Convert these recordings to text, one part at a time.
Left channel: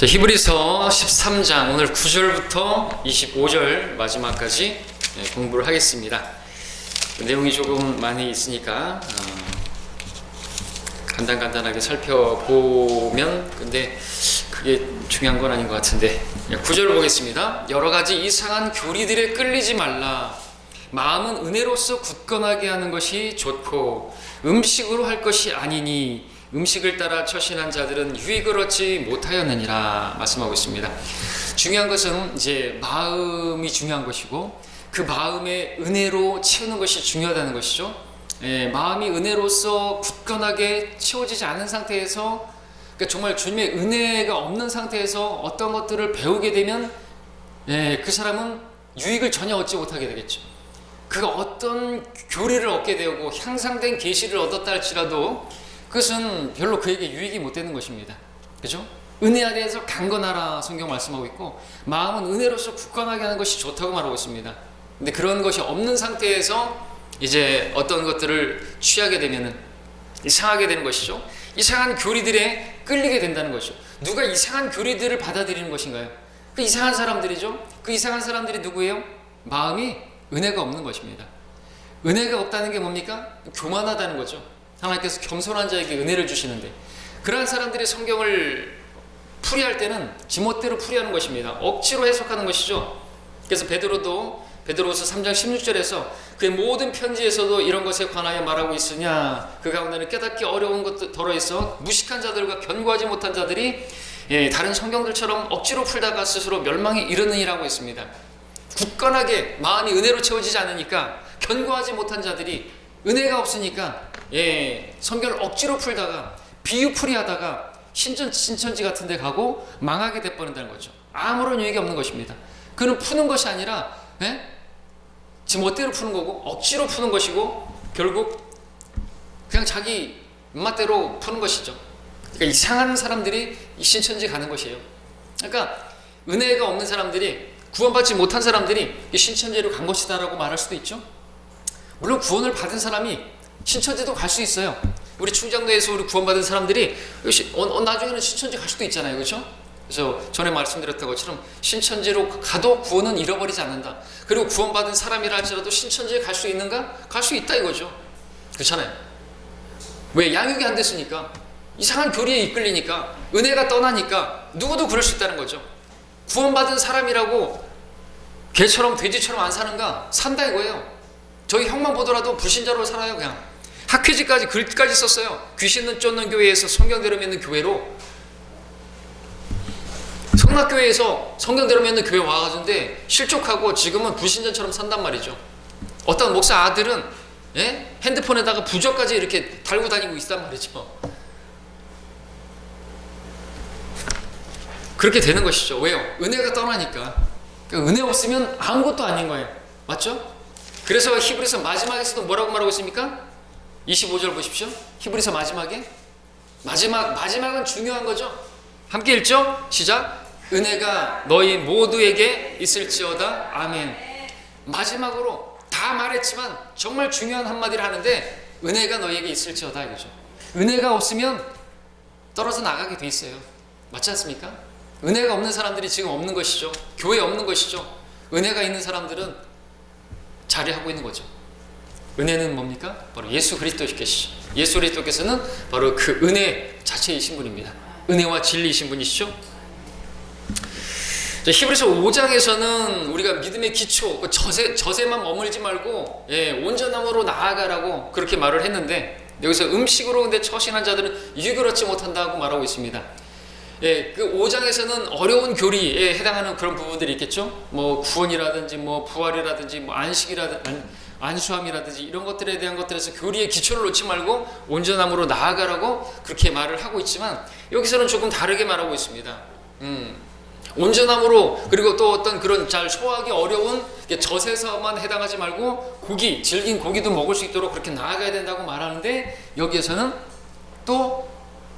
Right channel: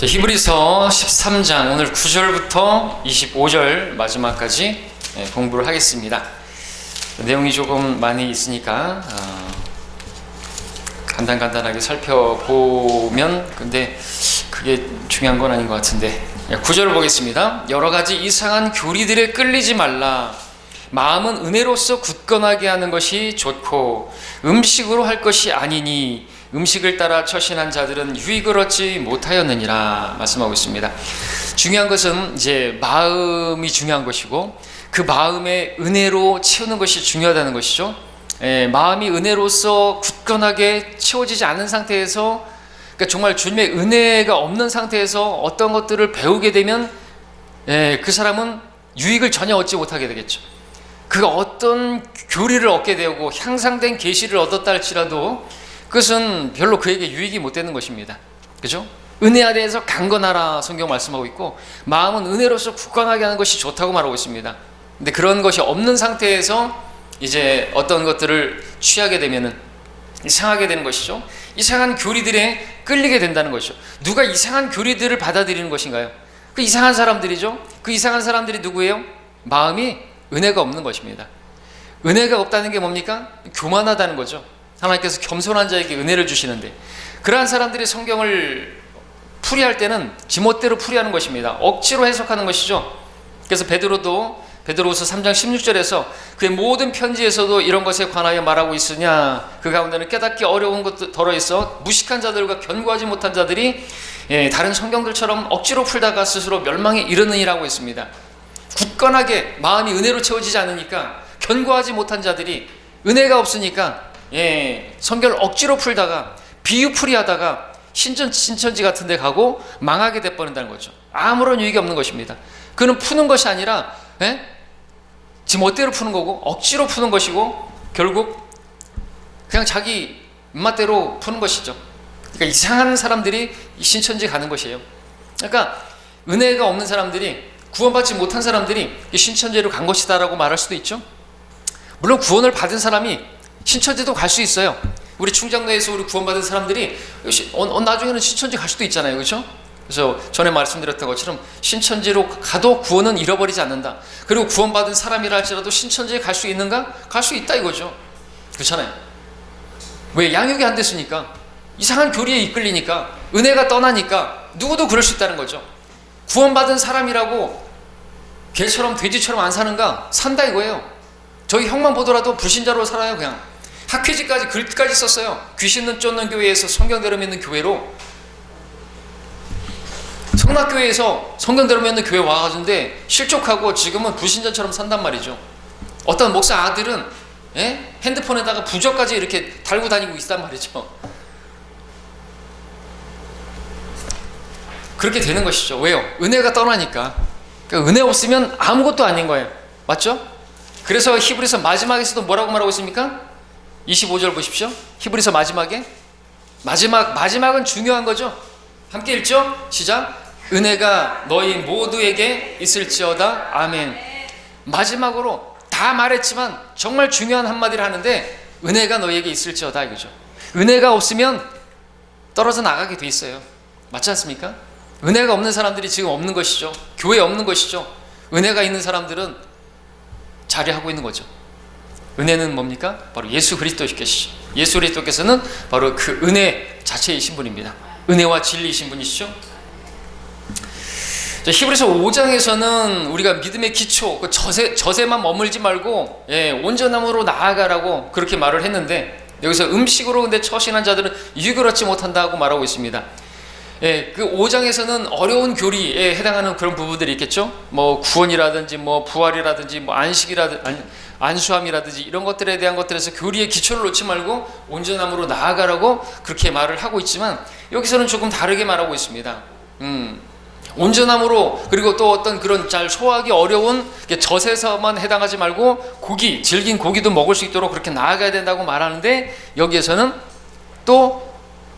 자, 히브리서 13장 오늘 9절부터 25절 마지막까지 공부를 하겠습니다. 내용이 조금 많이 있으니까 간단하게 살펴보면 근데 그게 중요한 건 아닌 것 같은데 9절을 보겠습니다. 여러 가지 이상한 교리들에 끌리지 말라. 마음은 은혜로서 굳건하게 하는 것이 좋고 음식으로 할 것이 아니니 음식을 따라 처신한 자들은 유익을 얻지 못하였느니라 말씀하고 있습니다. 중요한 것은 이제 마음이 중요한 것이고 그 마음의 은혜로 채우는 것이 중요하다는 것이죠. 마음이 은혜로서 굳건하게 채워지지 않은 상태에서, 그러니까 정말 주님의 은혜가 없는 상태에서 어떤 것들을 배우게 되면 그 사람은 유익을 전혀 얻지 못하게 되겠죠. 그가 어떤 교리를 얻게 되고 향상된 계시를 얻었다 할지라도 그것은 별로 그에게 유익이 못 되는 것입니다. 그죠? 은혜 아래에서 강건하라 성경 말씀하고 있고 마음은 은혜로서 굳건하게 하는 것이 좋다고 말하고 있습니다. 근데 그런 것이 없는 상태에서 이제 어떤 것들을 취하게 되면은 이상하게 되는 것이죠. 이상한 교리들에 끌리게 된다는 것이죠. 누가 이상한 교리들을 받아들이는 것인가요? 그 이상한 사람들이죠. 그 이상한 사람들이 누구예요? 마음이 은혜가 없는 것입니다. 은혜가 없다는 게 뭡니까? 교만하다는 거죠. 하나님께서 겸손한 자에게 은혜를 주시는데 그러한 사람들이 성경을 풀이할 때는 지멋대로 풀이하는 것입니다. 억지로 해석하는 것이죠. 그래서 베드로후서 3장 16절에서 그의 모든 편지에서도 이런 것에 관하여 말하고 있으냐, 그 가운데는 깨닫기 어려운 것도 더러있어 무식한 자들과 견고하지 못한 자들이 다른 성경들처럼 억지로 풀다가 스스로 멸망에 이르느니라고 했습니다. 굳건하게 마음이 은혜로 채워지지 않으니까 견고하지 못한 자들이 은혜가 없으니까 성경을 억지로 풀다가 비유풀이 하다가 신천지 같은 데 가고 망하게 돼버린다는 거죠. 아무런 유익이 없는 것입니다. 그는 푸는 것이 아니라 지금 멋대로 푸는 거고 억지로 푸는 것이고 결국 그냥 자기 입맛대로 푸는 것이죠. 그러니까 이상한 사람들이 신천지 가는 것이에요. 그러니까 은혜가 없는 사람들이, 구원받지 못한 사람들이 신천지로 간 것이다 라고 말할 수도 있죠. 물론 구원을 받은 사람이 신천지도 갈 수 있어요. 우리 충장로에서 우리 구원받은 사람들이 나중에는 신천지 갈 수도 있잖아요. 그렇죠? 그래서 전에 말씀드렸던 것처럼 신천지로 가도 구원은 잃어버리지 않는다. 그리고 구원받은 사람이라 할지라도 신천지에 갈 수 있는가? 갈 수 있다 이거죠. 그렇잖아요. 왜? 양육이 안 됐으니까. 이상한 교리에 이끌리니까, 은혜가 떠나니까 누구도 그럴 수 있다는 거죠. 구원받은 사람이라고 개처럼 돼지처럼 안 사는가? 산다 이거예요. 저희 형만 보더라도 불신자로 살아요. 그냥 학회지까지 글까지 썼어요. 귀신은 쫓는 교회에서 성경대로 믿는 교회로, 성락교회에서 성경대로 믿는 교회 와가지고 실족하고 지금은 불신자처럼 산단 말이죠. 어떤 목사 아들은 핸드폰에다가 부적까지 이렇게 달고 다니고 있단 말이죠. 그렇게 되는 것이죠. 왜요? 은혜가 떠나니까. 그러니까 은혜 없으면 아무것도 아닌 거예요. 맞죠? 그래서 히브리서 마지막에서도 뭐라고 말하고 있습니까? 25절 보십시오. 히브리서 마지막은 중요한 거죠. 함께 읽죠? 시작. 은혜가 너희 모두에게 있을지어다. 아멘. 마지막으로 다 말했지만 정말 중요한 한마디를 하는데 은혜가 너희에게 있을지어다 이거죠. 은혜가 없으면 떨어져 나가게 돼 있어요. 맞지 않습니까? 은혜가 없는 사람들이 지금 없는 것이죠. 교회에 없는 것이죠. 은혜가 있는 사람들은 자리하고 있는 거죠. 은혜는 뭡니까? 바로 예수 그리스도께시죠. 예수 그리스도께서는 바로 그 은혜 자체이신 분입니다. 은혜와 진리이신 분이시죠. 히브리서 5장에서는 우리가 믿음의 기초, 그 저세만 머물지 말고 온전함으로 나아가라고 그렇게 말을 했는데 여기서 음식으로 근데 처신한 자들은 유익을 얻지 못한다고 말하고 있습니다. 그 5장에서는 어려운 교리에 해당하는 그런 부분들이 있겠죠. 뭐 구원이라든지 뭐 부활이라든지 뭐 안수함이라든지 이런 것들에 대한 것들에서 교리의 기초를 놓지 말고 온전함으로 나아가라고 그렇게 말을 하고 있지만 여기서는 조금 다르게 말하고 있습니다. 온전함으로, 그리고 또 어떤 그런 잘 소화하기 어려운 젖에서만 해당하지 말고 질긴 고기도 먹을 수 있도록 그렇게 나아가야 된다고 말하는데 여기에서는 또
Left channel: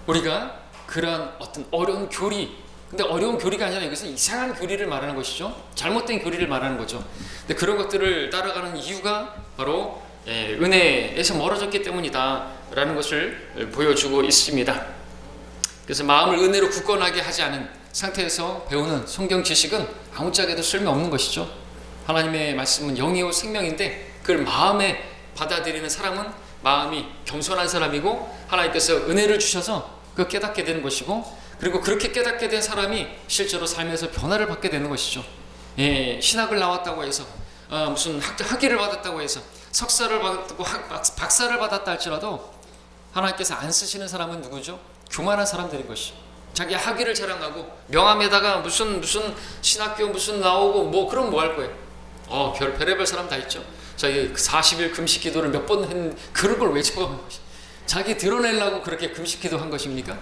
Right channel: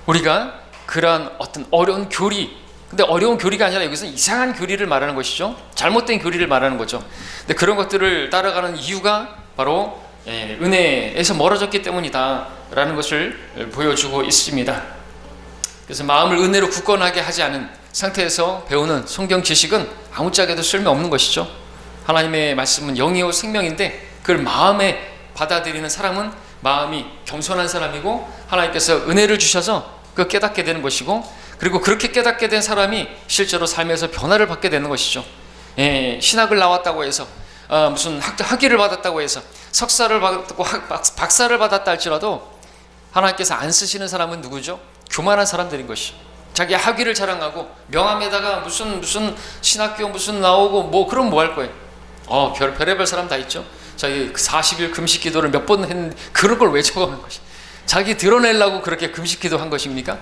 우리가 그러한 어떤 어려운 교리, 근데 어려운 교리가 아니라 여기서는 이상한 교리를 말하는 것이죠. 잘못된 교리를 말하는 거죠. 근데 그런 것들을 따라가는 이유가 바로 은혜에서 멀어졌기 때문이다 라는 것을 보여주고 있습니다. 그래서 마음을 은혜로 굳건하게 하지 않은 상태에서 배우는 성경 지식은 아무짝에도 쓸모없는 것이죠. 하나님의 말씀은 영이요 생명인데 그걸 마음에 받아들이는 사람은 마음이 겸손한 사람이고 하나님께서 은혜를 주셔서 그 깨닫게 되는 것이고, 그리고 그렇게 깨닫게 된 사람이 실제로 삶에서 변화를 받게 되는 것이죠. 신학을 나왔다고 해서 무슨 학위를 받았다고 해서 석사를 받았고 박사를 받았다 할지라도 하나님께서 안 쓰시는 사람은 누구죠? 교만한 사람들인 것이죠. 자기 학위를 자랑하고 명함에다가 무슨 신학교 무슨 나오고 뭐 그럼 뭐 할 거예요? 별의별 사람 다 있죠. 자기 40일 금식 기도를 몇 번 했는데 그런 걸 왜 적어놓은 것이? 자기 드러내려고 그렇게 금식 기도한 것입니까?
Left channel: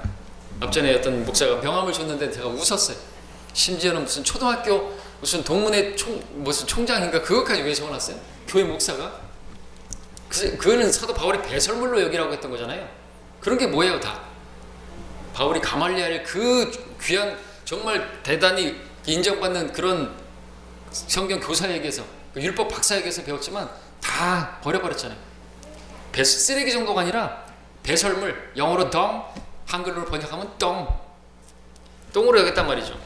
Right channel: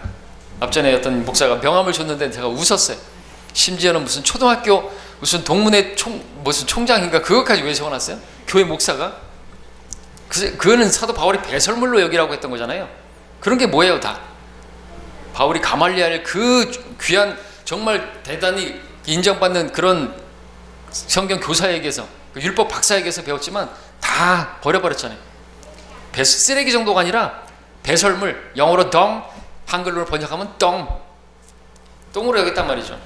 앞전에 어떤 목사가 명함을 줬는데 제가 웃었어요. 심지어는 무슨 초등학교 무슨 동문회 무슨 총장인가 그것까지 왜 적어놨어요? 교회 목사가? 그거는 사도 바울이 배설물로 여기라고 했던 거잖아요. 그런 게 뭐예요 다? 바울이 가말리엘 그 귀한 정말 대단히 인정받는 그런 성경 교사에게서 그 율법 박사에게서 배웠지만 다 버려버렸잖아요. 쓰레기 정도가 아니라 배설물, 영어로 덩, 한글로 번역하면 똥으로 여겼단 말이죠.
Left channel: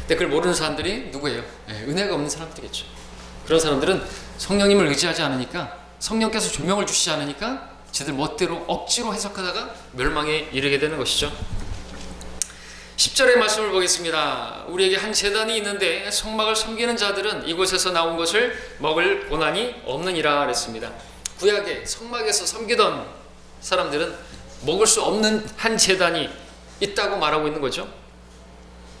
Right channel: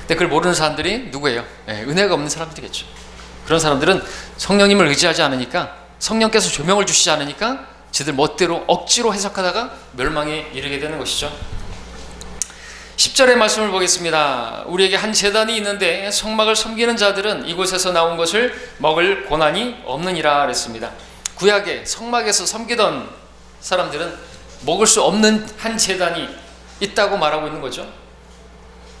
근데 그걸 모르는 사람들이 누구예요? 은혜가 없는 사람들이겠죠. 그런 사람들은 성령님을 의지하지 않으니까, 성령께서 조명을 주시지 않으니까 지들 멋대로 억지로 해석하다가 멸망에 이르게 되는 것이죠. 10절의 말씀을 보겠습니다. 우리에게 한 제단이 있는데 성막을 섬기는 자들은 이곳에서 나온 것을 먹을 고난이 없느니라 그랬습니다. 구약의 성막에서 섬기던 사람들은 먹을 수 없는 한 제단이 있다고 말하고 있는 거죠.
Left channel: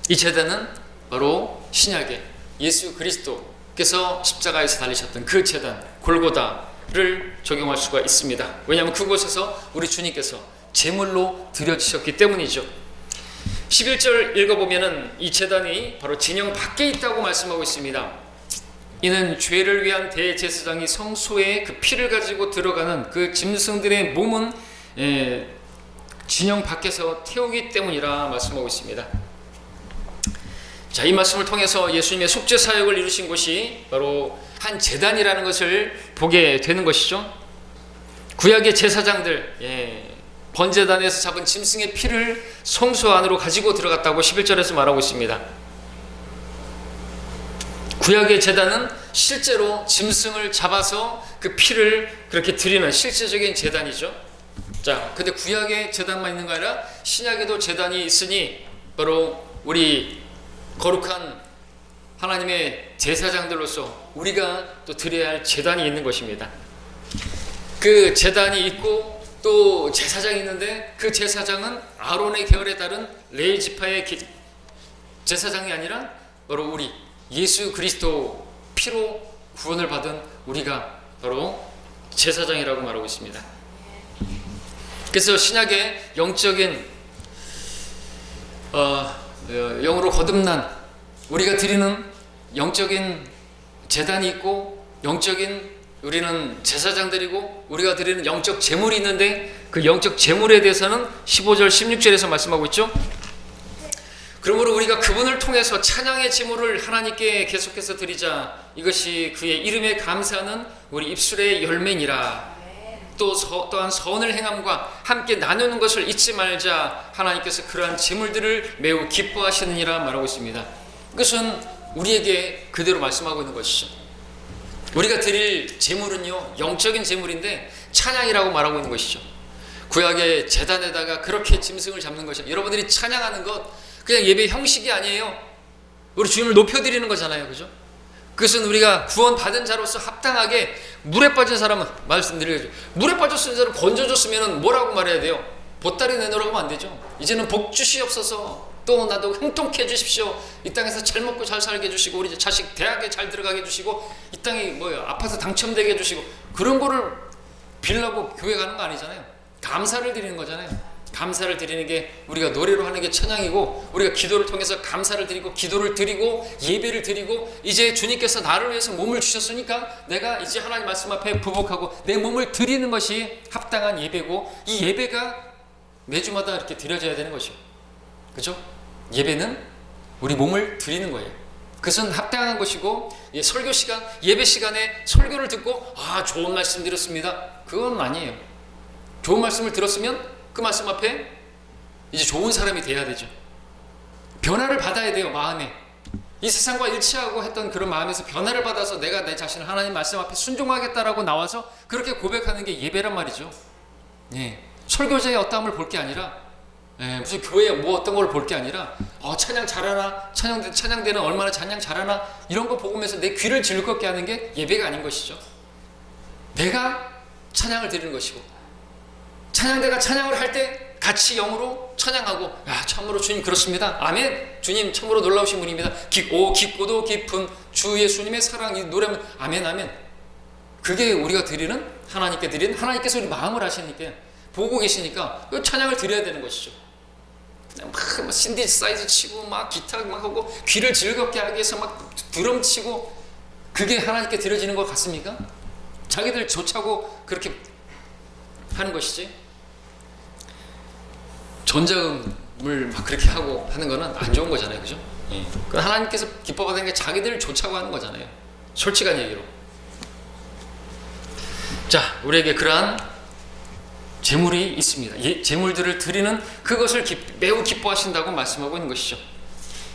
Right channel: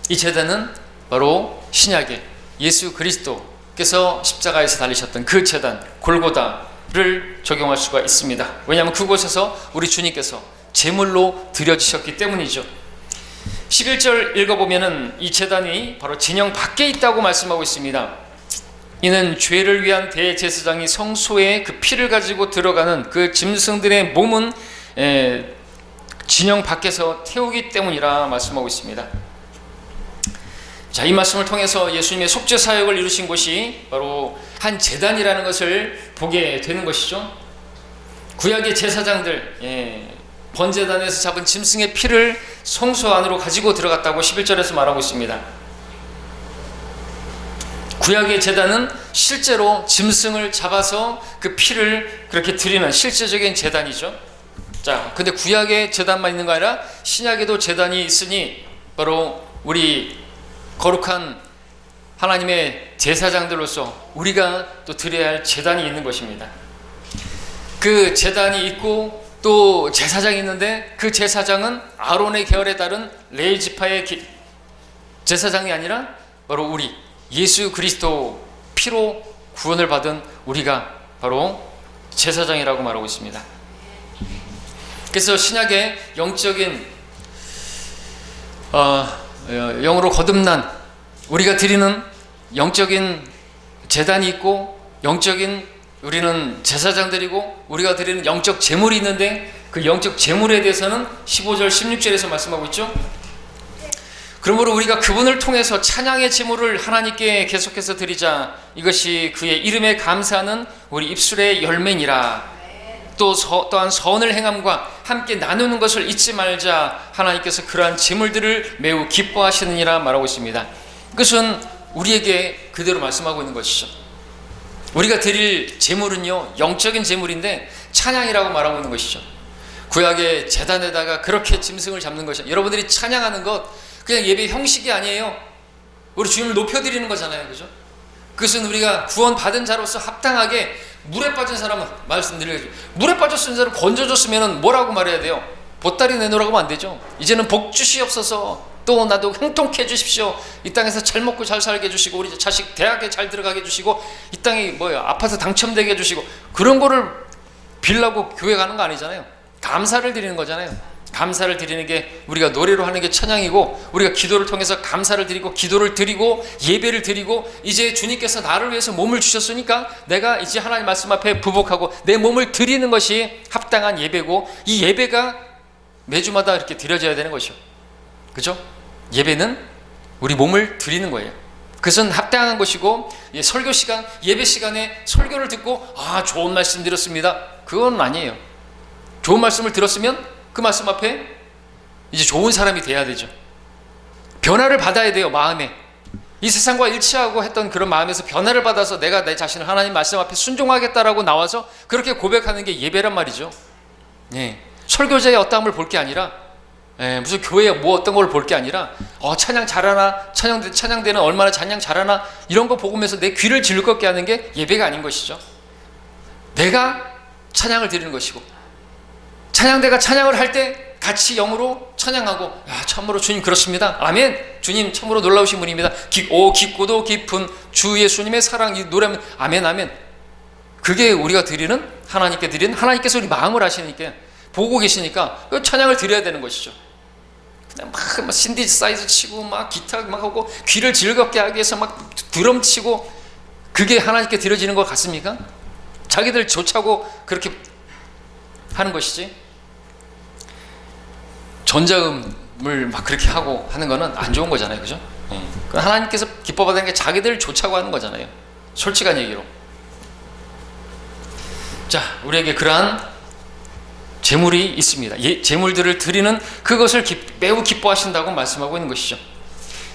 이 제단은 바로 신약의 예수 그리스도께서 십자가에서 달리셨던 그 제단 골고다를 적용할 수가 있습니다. 왜냐하면 그곳에서 우리 주님께서 제물로 드려지셨기 때문이죠. 11절 읽어보면은 이 제단이 바로 진영 밖에 있다고 말씀하고 있습니다. 이는 죄를 위한 대제사장이 성소에 그 피를 가지고 들어가는 그 짐승들의 몸은 진영 밖에서 태우기 때문이라 말씀하고 있습니다. 자, 이 말씀을 통해서 예수님의 속죄 사역을 이루신 곳이 바로 한 제단이라는 것을 보게 되는 것이죠. 구약의 제사장들, 번제단에서 잡은 짐승의 피를 성소 안으로 가지고 들어갔다고 11절에서 말하고 있습니다. 구약의 제단은 실제로 짐승을 잡아서 그 피를 그렇게 드리는 실제적인 제단이죠. 자, 근데 구약의 제단만 있는 거 아니라 신약에도 제단이 있으니 바로 우리 거룩한 하나님의 제사장들로서 우리가 또 드려야 할 제단이 있는 것입니다. 그 제단이 있고 또 제사장이 있는데 그 제사장은 아론의 계열에 따른 레위 지파의 제사장이 아니라 바로 우리 예수 그리스도 피로 구원을 받은 우리가 바로 제사장이라고 말하고 있습니다. 그래서 신약의 영적인 영으로 거듭난 우리가 드리는 영적인 제단이 있고 영적인 우리는 제사장들이고 우리가 드리는 영적 제물이 있는데 그 영적 제물에 대해서는 15절 16절에서 말씀하고 있죠. 그러므로 우리가 그분을 통해서 찬양의 제물을 하나님께 계속해서 드리자. 이것이 그의 이름에 감사하는 우리 입술의 열매니라. 또한 선을 행함과 함께 나누는 것을 잊지 말자. 하나님께서 그러한 제물들을 매우 기뻐하시느니라 말하고 있습니다. 그것은 우리에게 그대로 말씀하고 있는 것이죠. 우리가 드릴 제물은요 영적인 제물인데 찬양이라고 말하고 있는 것이죠. 구약의 제단에다가 그렇게 짐승을 잡는 것이죠. 여러분들이 찬양하는 것 그냥 예배 형식이 아니에요. 우리 주님을 높여드리는 거잖아요. 그죠? 그것은 우리가 구원받은 자로서 합당하게 물에 빠진 사람은 말씀드리죠. 물에 빠졌으면 사람 건져줬으면 뭐라고 말해야 돼요? 보따리 내놓으라고 하면 안 되죠. 이제는 복 주시옵소서. 또 나도 형통케 해주십시오. 이 땅에서 잘 먹고 잘 살게 해주시고 우리 자식 대학에 잘 들어가게 해주시고 이 땅에 아파트 당첨되게 해주시고 그런 거를 빌라고 교회 가는 거 아니잖아요. 감사를 드리는 거잖아요. 감사를 드리는 게 우리가 노래로 하는 게 찬양이고 우리가 기도를 통해서 감사를 드리고 기도를 드리고 예배를 드리고 이제 주님께서 나를 위해서 몸을 주셨으니까 내가 이제 하나님 말씀 앞에 부복하고 내 몸을 드리는 것이 합당한 예배고 이 예배가 매주마다 이렇게 드려져야 되는 것이죠. 그죠? 예배는 우리 몸을 드리는 거예요. 그것은 합당한 것이고 설교 시간, 예배 시간에 설교를 듣고 좋은 말씀 드렸습니다. 그건 아니에요. 좋은 말씀을 들었으면 그 말씀 앞에 이제 좋은 사람이 돼야 되죠. 변화를 받아야 돼요. 마음에. 이 세상과 일치하고 했던 그런 마음에서 변화를 받아서 내가 내 자신을 하나님 말씀 앞에 순종하겠다라고 나와서 그렇게 고백하는 게 예배란 말이죠. 예. 설교자의 어떠함을 볼 게 아니라, 무슨 교회 뭐 어떤 걸 볼 게 아니라, 찬양 잘하나, 찬양대는 얼마나 찬양 잘하나, 이런 거 보면서 내 귀를 즐겁게 하는 게 예배가 아닌 것이죠. 내가 찬양을 드리는 것이고, 찬양대가 찬양을 할 때 같이 영으로 찬양하고, 참으로 주님 그렇습니다. 아멘. 주님 참으로 놀라우신 분입니다. 깊고도 깊은 주 예수님의 사랑, 이 노래면 아멘 아멘. 그게 우리가 드리는, 하나님께 드리는, 하나님께서 우리 마음을 아시니까, 보고 계시니까 그 찬양을 드려야 되는 것이죠. 그냥 막 신디사이즈 치고 막 기타 막 하고 귀를 즐겁게 하기 위해서 막 드럼 치고, 그게 하나님께 드려지는 것 같습니까? 자기들 좋자고 그렇게 하는 것이지, 전자음을 막 그렇게 하고 하는 거는 안 좋은 거잖아요. 그죠? 하나님께서 기뻐받는 게 자기들 좋자고 하는 거잖아요. 솔직한 얘기로. 자, 우리에게 그러한 재물이 있습니다. 재물들을 드리는 그것을 매우 기뻐하신다고 말씀하고 있는 것이죠.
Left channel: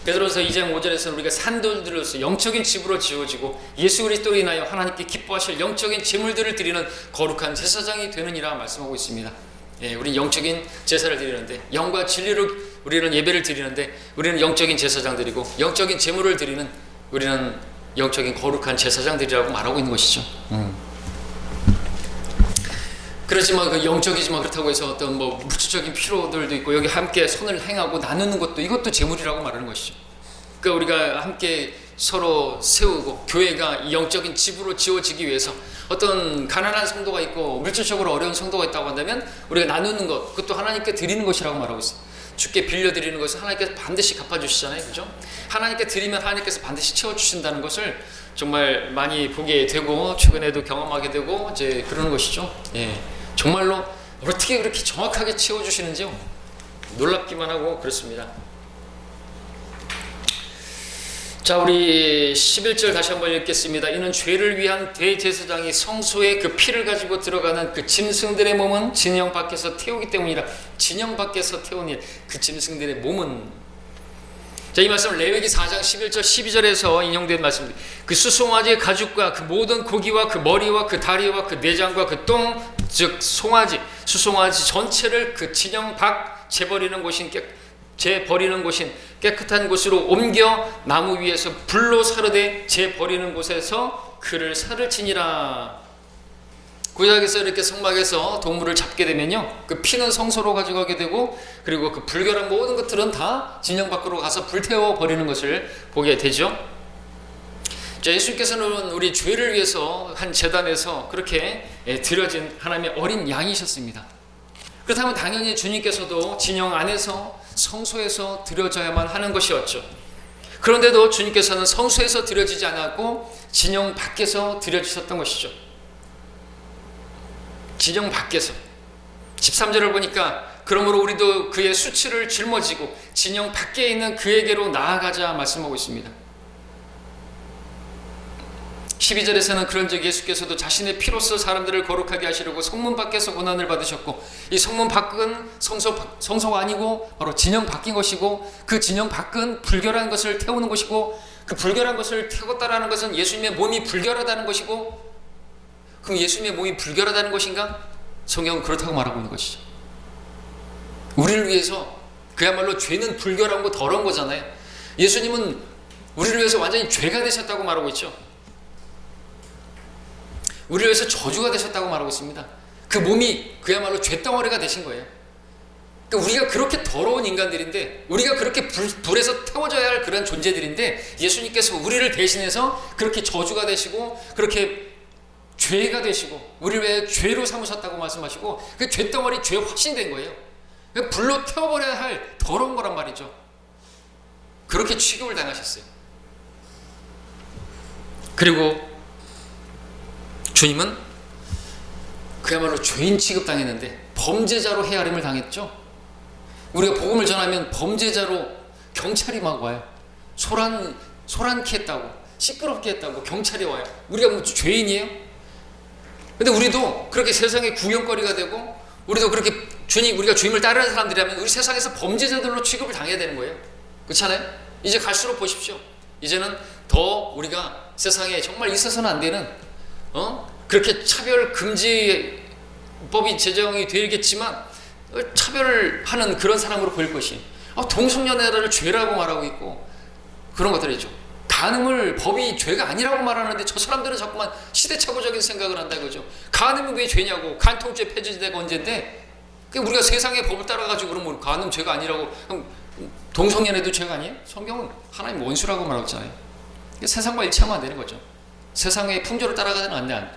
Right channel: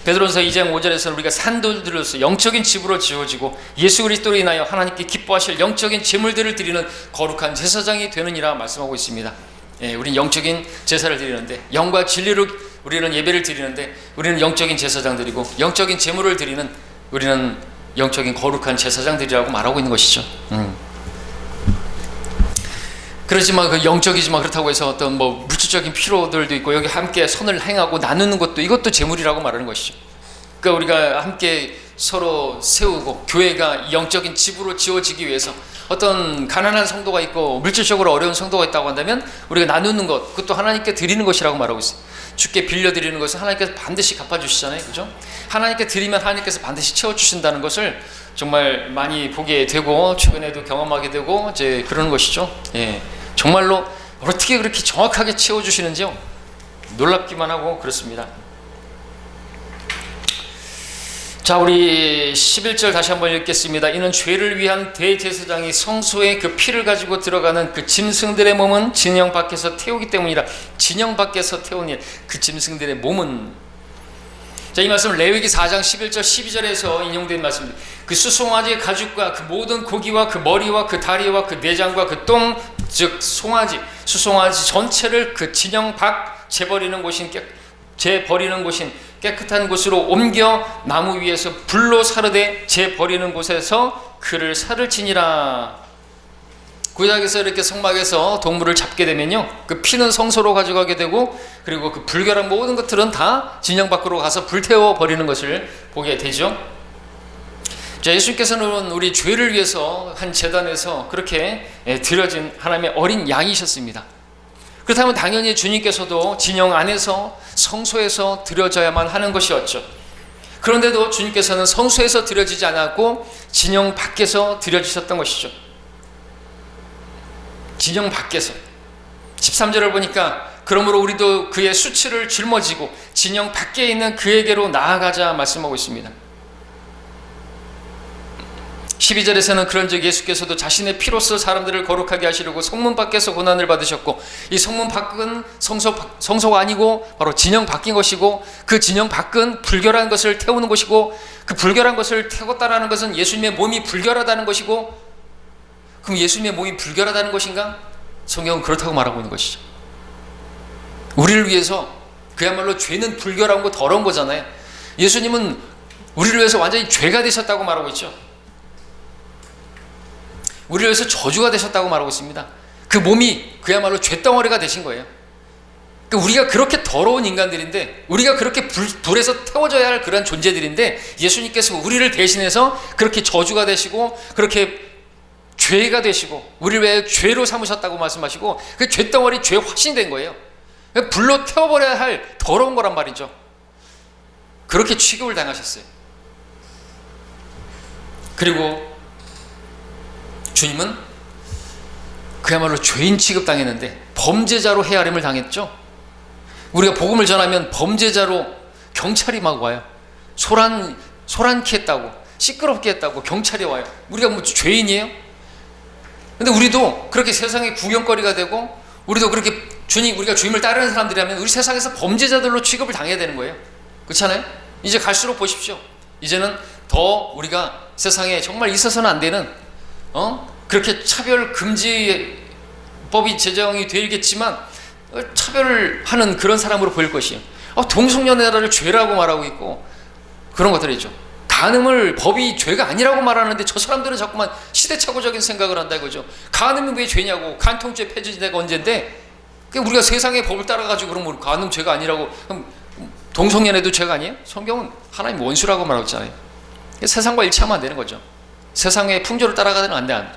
베드로전서 2장 5절에서는 우리가 산돌들로서 영적인 집으로 지어지고 예수 그리스도로 인하여 하나님께 기뻐하실 영적인 재물들을 드리는 거룩한 제사장이 되느니라 말씀하고 있습니다. 우리는 영적인 제사를 드리는데, 영과 진리로 우리는 예배를 드리는데, 우리는 영적인 제사장들이고, 영적인 제물을 드리는, 우리는 영적인 거룩한 제사장들이라고 말하고 있는 것이죠. 그렇지만 그 영적이지만 그렇다고 해서 어떤 뭐 물질적인 필요들도 있고, 여기 함께 선을 행하고 나누는 것도, 이것도 재물이라고 말하는 것이죠. 그러니까 우리가 함께 서로 세우고, 교회가 영적인 집으로 지어지기 위해서 어떤 가난한 성도가 있고 물질적으로 어려운 성도가 있다고 한다면 우리가 나누는 것, 그것도 하나님께 드리는 것이라고 말하고 있어요. 주께 빌려드리는 것은 하나님께서 반드시 갚아주시잖아요. 그죠? 하나님께 드리면 하나님께서 반드시 채워주신다는 것을 정말 많이 보게 되고, 최근에도 경험하게 되고 이제 그러는 것이죠. 정말로 어떻게 그렇게 정확하게 채워주시는지요, 놀랍기만 하고 그렇습니다. 자, 우리 11절 다시 한번 읽겠습니다. 이는 죄를 위한 대제사장이 성소에 그 피를 가지고 들어가는 그 짐승들의 몸은 진영 밖에서 태우기 때문이라. 진영 밖에서 태우니, 그 짐승들의 몸은, 자, 이 말씀은 레위기 4장 11절 12절에서 인용된 말씀입니다. 그 수송아지의 가죽과 그 모든 고기와 그 머리와 그 다리와 그 내장과 그 똥, 즉 송아지, 수송아지 전체를 그 진영 밖 재버리는 곳인 깨끗한 곳으로 옮겨 나무 위에서 불로 사르되 재버리는 곳에서 그를 살을 치니라. 구약에서 이렇게 성막에서 동물을 잡게 되면요, 그 피는 성소로 가져가게 되고, 그리고 그 불결한 모든 것들은 다 진영 밖으로 가서 불태워 버리는 것을 보게 되죠. 자, 예수님께서는 우리 죄를 위해서 한 제단에서 그렇게 드려진 하나님의 어린 양이셨습니다. 그렇다면 당연히 주님께서도 진영 안에서 성소에서 드려져야만 하는 것이었죠. 그런데도 주님께서는 성소에서 드려지지 않았고 진영 밖에서 드려지셨던 것이죠. 진영 밖에서. 13절을 보니까 그러므로 우리도 그의 수치를 짊어지고 진영 밖에 있는 그에게로 나아가자 말씀하고 있습니다. 12절에서는 그런즉 예수께서도 자신의 피로써 사람들을 거룩하게 하시려고 성문 밖에서 고난을 받으셨고, 이 성문 밖은 성소가 아니고 바로 진영 밖인 것이고, 그 진영 밖은 불결한 것을 태우는 것이고, 그 불결한 것을 태웠다라는 것은 예수님의 몸이 불결하다는 것이고, 그럼 예수님의 몸이 불결하다는 것인가? 성경은 그렇다고 말하고 있는 것이죠. 우리를 위해서, 그야말로 죄는 불결한 거 더러운 거잖아요. 예수님은 우리를 위해서 완전히 죄가 되셨다고 말하고 있죠. 우리를 위해서 저주가 되셨다고 말하고 있습니다. 그 몸이 그야말로 죄덩어리가 되신 거예요. 그러니까 우리가 그렇게 더러운 인간들인데, 우리가 그렇게 불에서 태워져야 할 그런 존재들인데, 예수님께서 우리를 대신해서 그렇게 저주가 되시고 그렇게 죄가 되시고 우리를 왜 죄로 삼으셨다고 말씀하시고, 그 죄덩어리, 죄 확신된 거예요. 불로 태워버려야 할 더러운 거란 말이죠. 그렇게 취급을 당하셨어요. 그리고 주님은 그야말로 죄인 취급당했는데 범죄자로 헤아림을 당했죠. 우리가 복음을 전하면 범죄자로 경찰이 막 와요. 소란케 했다고, 시끄럽게 했다고 경찰이 와요. 우리가 뭐 죄인이에요? 근데 우리도 그렇게 세상의 구경거리가 되고, 우리도 그렇게 우리가 주님을 따르는 사람들이라면 우리 세상에서 범죄자들로 취급을 당해야 되는 거예요. 그렇잖아요? 이제 갈수록 보십시오. 이제는 더 우리가 세상에 정말 있어서는 안 되는 그렇게 차별 금지법이 제정이 되겠지만 차별을 하는 그런 사람으로 보일 것이에요. 동성연애를 죄라고 말하고 있고 그런 것들이죠. 간음을 법이 죄가 아니라고 말하는데 저 사람들은 자꾸만 시대착오적인 생각을 한다 이거죠. 간음이 왜 죄냐고. 간통죄 폐지된 데가 언젠데 우리가 세상의 법을 따라가지고 그러면 간음 죄가 아니라고, 그럼 동성연애도 죄가 아니에요? 성경은 하나님 원수라고 말하고 있잖아요. 세상과 일치하면 안 되는 거죠. 세상의 풍조를 따라가면 안 돼.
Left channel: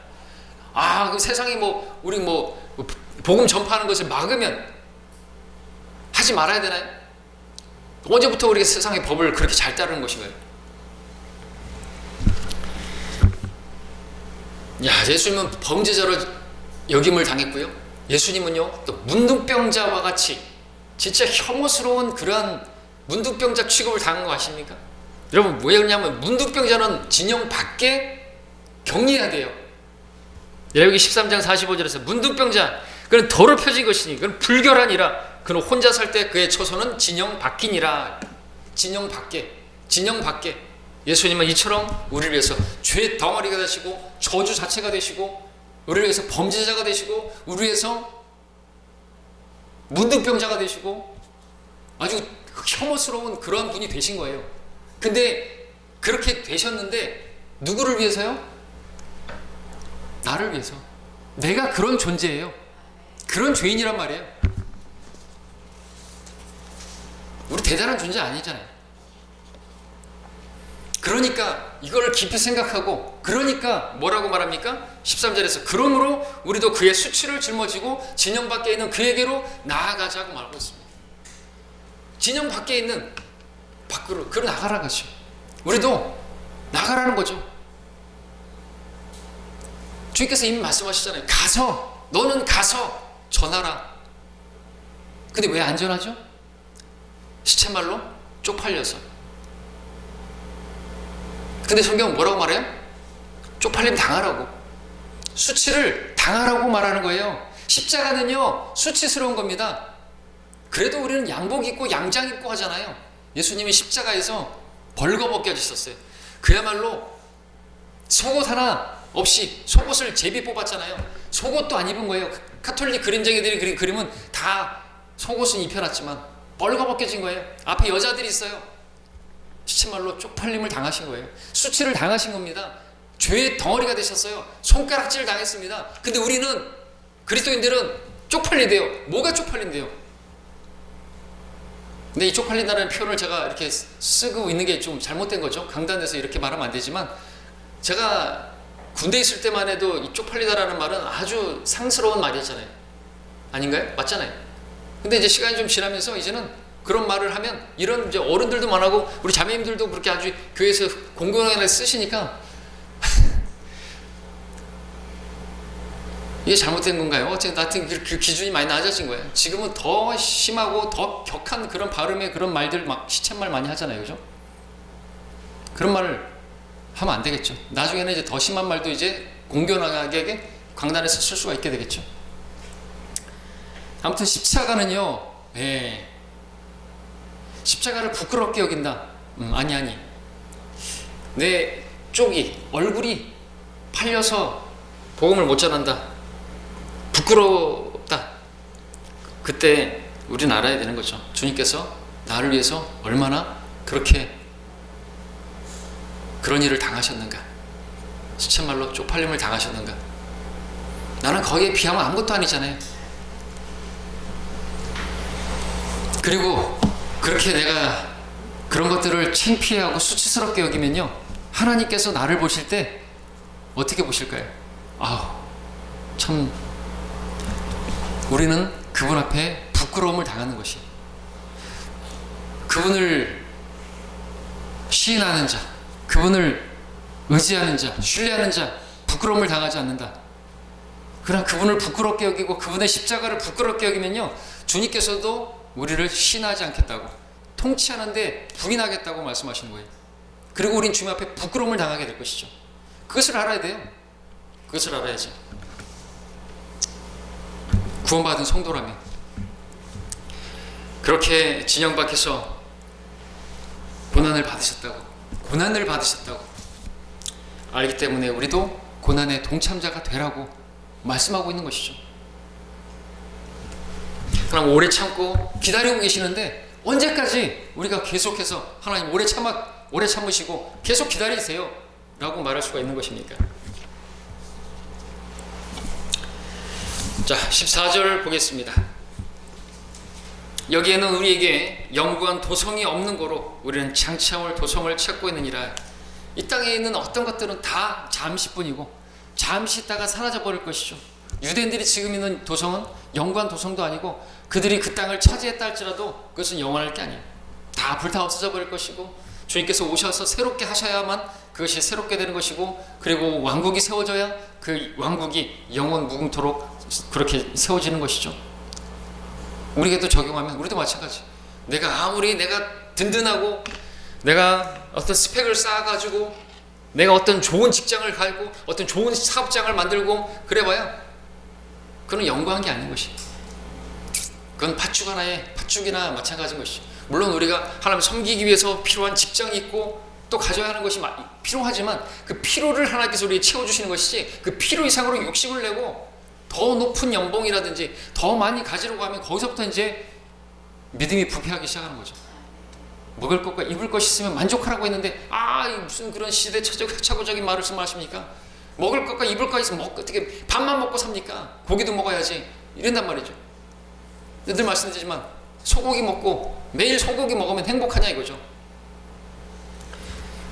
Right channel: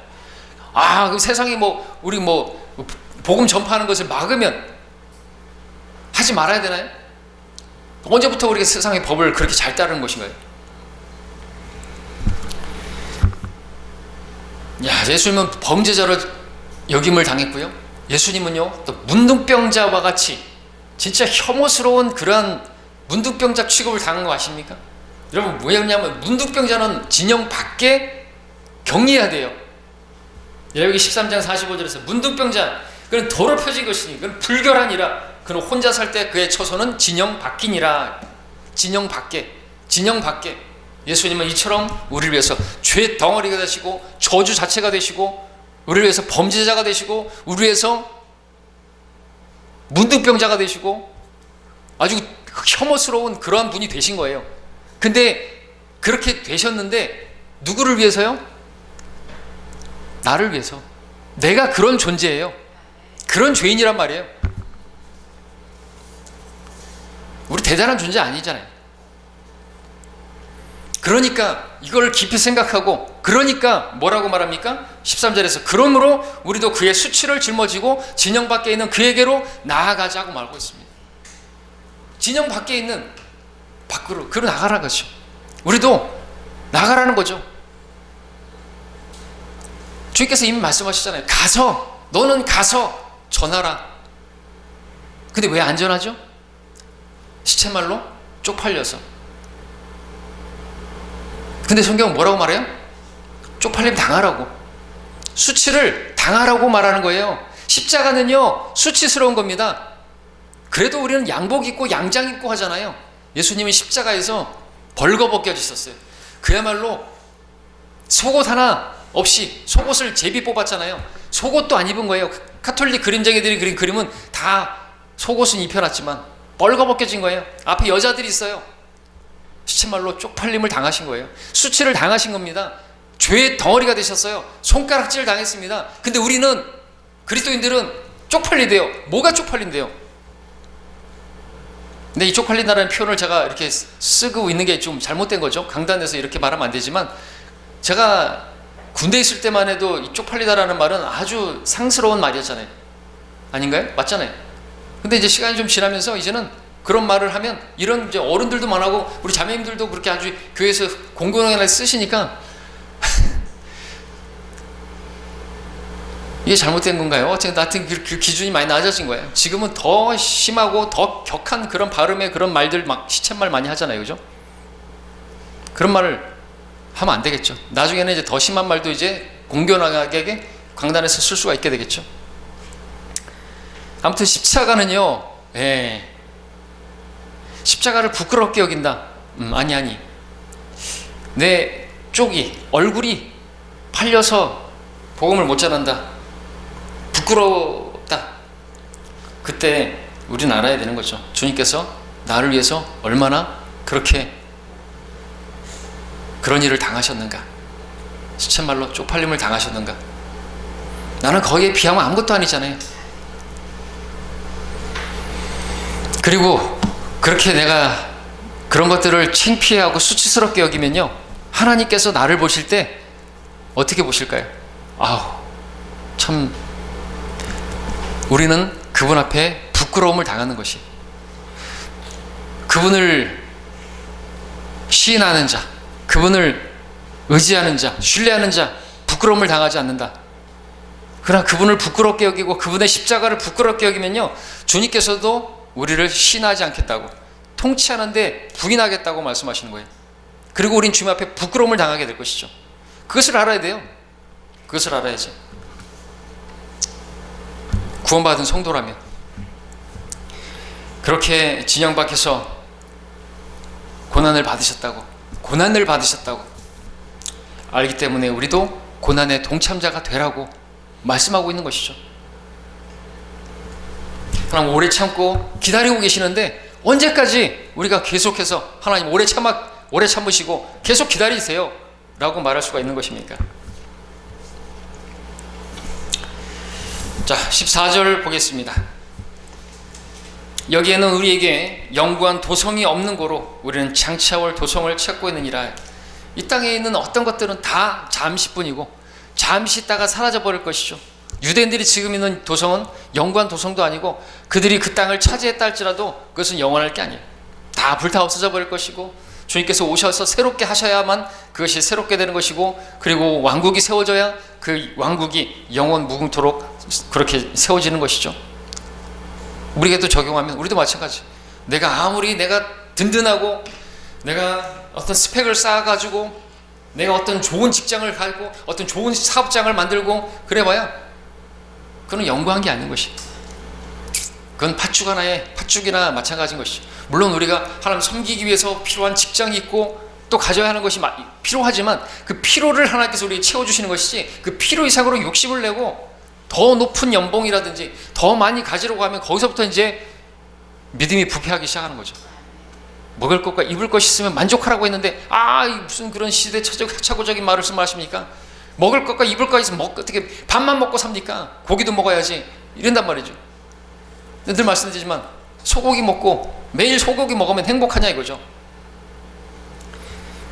그 세상이 우리 복음 전파하는 것을 막으면 하지 말아야 되나요? 언제부터 우리가 세상의 법을 그렇게 잘 따르는 것인가요? 예수님은 범죄자로 여김을 당했고요. 예수님은요, 또 문둥병자와 같이 진짜 혐오스러운 그러한 문둥병자 취급을 당한 거 아십니까? 여러분, 왜 그러냐면 문둥병자는 진영 밖에 격리해야 돼요. 레위기 13장 45절에서 문둥병자, 그는 더럽혀진 것이니 그는 불결하니라. 그는 혼자 살 때 그의 처소는 진영 밖이니라. 진영 밖에. 예수님은 이처럼 우리를 위해서 죄 덩어리가 되시고 저주 자체가 되시고 우리를 위해서 범죄자가 되시고 우리를 위해서 문둥병자가 되시고 아주 혐오스러운 그러한 분이 되신 거예요. 근데 그렇게 되셨는데 누구를 위해서요? 나를 위해서. 내가 그런 존재예요. 그런 죄인이란 말이에요. 우리 대단한 존재 아니잖아요. 그러니까 이걸 깊이 생각하고, 그러니까 뭐라고 말합니까? 13절에서 그러므로 우리도 그의 수치를 짊어지고 진영 밖에 있는 그에게로 나아가자고 말하고 있습니다. 진영 밖에 있는 밖으로 그로 나가라는 거죠. 우리도 나가라는 거죠. 주님께서 이미 말씀하셨잖아요. 너는 가서 전하라. 근데 왜 안 전하죠? 시체말로 쪽팔려서. 근데 성경은 뭐라고 말해요? 쪽팔림 당하라고, 수치를 당하라고 말하는 거예요. 십자가는요, 수치스러운 겁니다. 그래도 우리는 양복 입고 양장 입고 하잖아요. 예수님은 십자가에서 벌거벗겨지셨어요. 그야말로 속옷 하나 없이 속옷을 제비 뽑았잖아요. 속옷도 안 입은 거예요. 가톨릭 그림쟁이들이 그린 그림은 다 속옷은 입혀놨지만 벌거벗겨진 거예요. 앞에 여자들이 있어요. 시체말로 쪽팔림을 당하신 거예요. 수치를 당하신 겁니다. 죄의 덩어리가 되셨어요. 손가락질 당했습니다. 근데 우리는, 그리스도인들은 쪽팔리대요. 뭐가 쪽팔린대요? 근데 이 쪽팔린다라는 표현을 제가 이렇게 쓰고 있는 게 좀 잘못된 거죠. 강단에서 이렇게 말하면 안 되지만, 제가 군대에 있을 때만 해도 이 쪽팔리다라는 말은 아주 상스러운 말이었잖아요. 아닌가요? 맞잖아요. 근데 이제 시간이 좀 지나면서 이제는 그런 말을 하면, 이런 이제 어른들도 많고 우리 자매님들도 그렇게 아주 교회에서 공공연하게 쓰시니까 이게 잘못된 건가요? 어쨌든 하여튼 그 기준이 많이 낮아진 거예요. 지금은 더 심하고 더 격한 그런 발음의 그런 말들, 막 시쳇말 많이 하잖아요. 그죠? 그런 말을 하면 안 되겠죠. 나중에는 이제 더 심한 말도 이제 공공연하게 강단에서 쓸 수가 있게 되겠죠. 아무튼 십자가는요, 십자가를 부끄럽게 여긴다. 아니. 내 쪽이, 얼굴이 팔려서 복음을 못 전한다. 부끄럽다. 그때 우리는 알아야 되는 거죠. 주님께서 나를 위해서 얼마나 그렇게 그런 일을 당하셨는가. 시쳇말로 쪽팔림을 당하셨는가. 나는 거기에 비하면 아무것도 아니잖아요. 그리고 그렇게 내가 그런 것들을 창피해하고 수치스럽게 여기면요, 하나님께서 나를 보실 때 어떻게 보실까요? 참 우리는 그분 앞에 부끄러움을 당하는 것이, 그분을 시인하는 자, 그분을 의지하는 자, 신뢰하는 자, 부끄러움을 당하지 않는다. 그러나 그분을 부끄럽게 여기고 그분의 십자가를 부끄럽게 여기면요, 주님께서도 우리를 신하지 않겠다고, 통치하는데 부인하겠다고 말씀하시는 거예요. 그리고 우린 주님 앞에 부끄러움을 당하게 될 것이죠. 그것을 알아야 돼요. 그것을 알아야지. 구원받은 성도라면. 그렇게 진영 밖에서 고난을 받으셨다고 알기 때문에 우리도 고난의 동참자가 되라고 말씀하고 있는 것이죠. 하나님 오래 참고 기다리고 계시는데 언제까지 우리가 계속해서 하나님 오래 참으시고 계속 기다리세요 라고 말할 수가 있는 것입니까? 자, 14절 보겠습니다. 여기에는 우리에게 영구한 도성이 없는 고로 우리는 장차올 도성을 찾고 있느니라. 이 땅에 있는 어떤 것들은 다 잠시뿐이고 잠시 있다가 사라져 버릴 것이죠. 유대인들이 지금 있는 도성은 영구한 도성도 아니고 그들이 그 땅을 차지했다 할지라도 그것은 영원할 게 아니에요. 다 불타 없어져 버릴 것이고 주님께서 오셔서 새롭게 하셔야만 그것이 새롭게 되는 것이고, 그리고 왕국이 세워져야 그 왕국이 영원 무궁토록 그렇게 세워지는 것이죠. 우리에게도 적용하면 우리도 마찬가지. 내가 아무리 든든하고 내가 어떤 스펙을 쌓아가지고 내가 어떤 좋은 직장을 가지고 어떤 좋은 사업장을 만들고 그래봐야 그건 영구한 게 아닌 것이. 그건 팥죽이나 마찬가지인 것이죠. 물론 우리가 하나님 섬기기 위해서 필요한 직장이 있고 또 가져야 하는 것이 필요하지만 그 필요를 하나님께서 우리에게 채워주시는 것이지, 그 필요 이상으로 욕심을 내고 더 높은 연봉이라든지 더 많이 가지려고 하면 거기서부터 이제 믿음이 부패하기 시작하는 거죠. 먹을 것과 입을 것이 있으면 만족하라고 했는데 무슨 그런 시대착오적인 말씀하십니까? 먹을 것과 입을 것이 있으면 어떻게 밥만 먹고 삽니까? 고기도 먹어야지 이런단 말이죠. 늘 말씀드리지만 소고기 먹고 매일 소고기 먹으면 행복하냐 이거죠.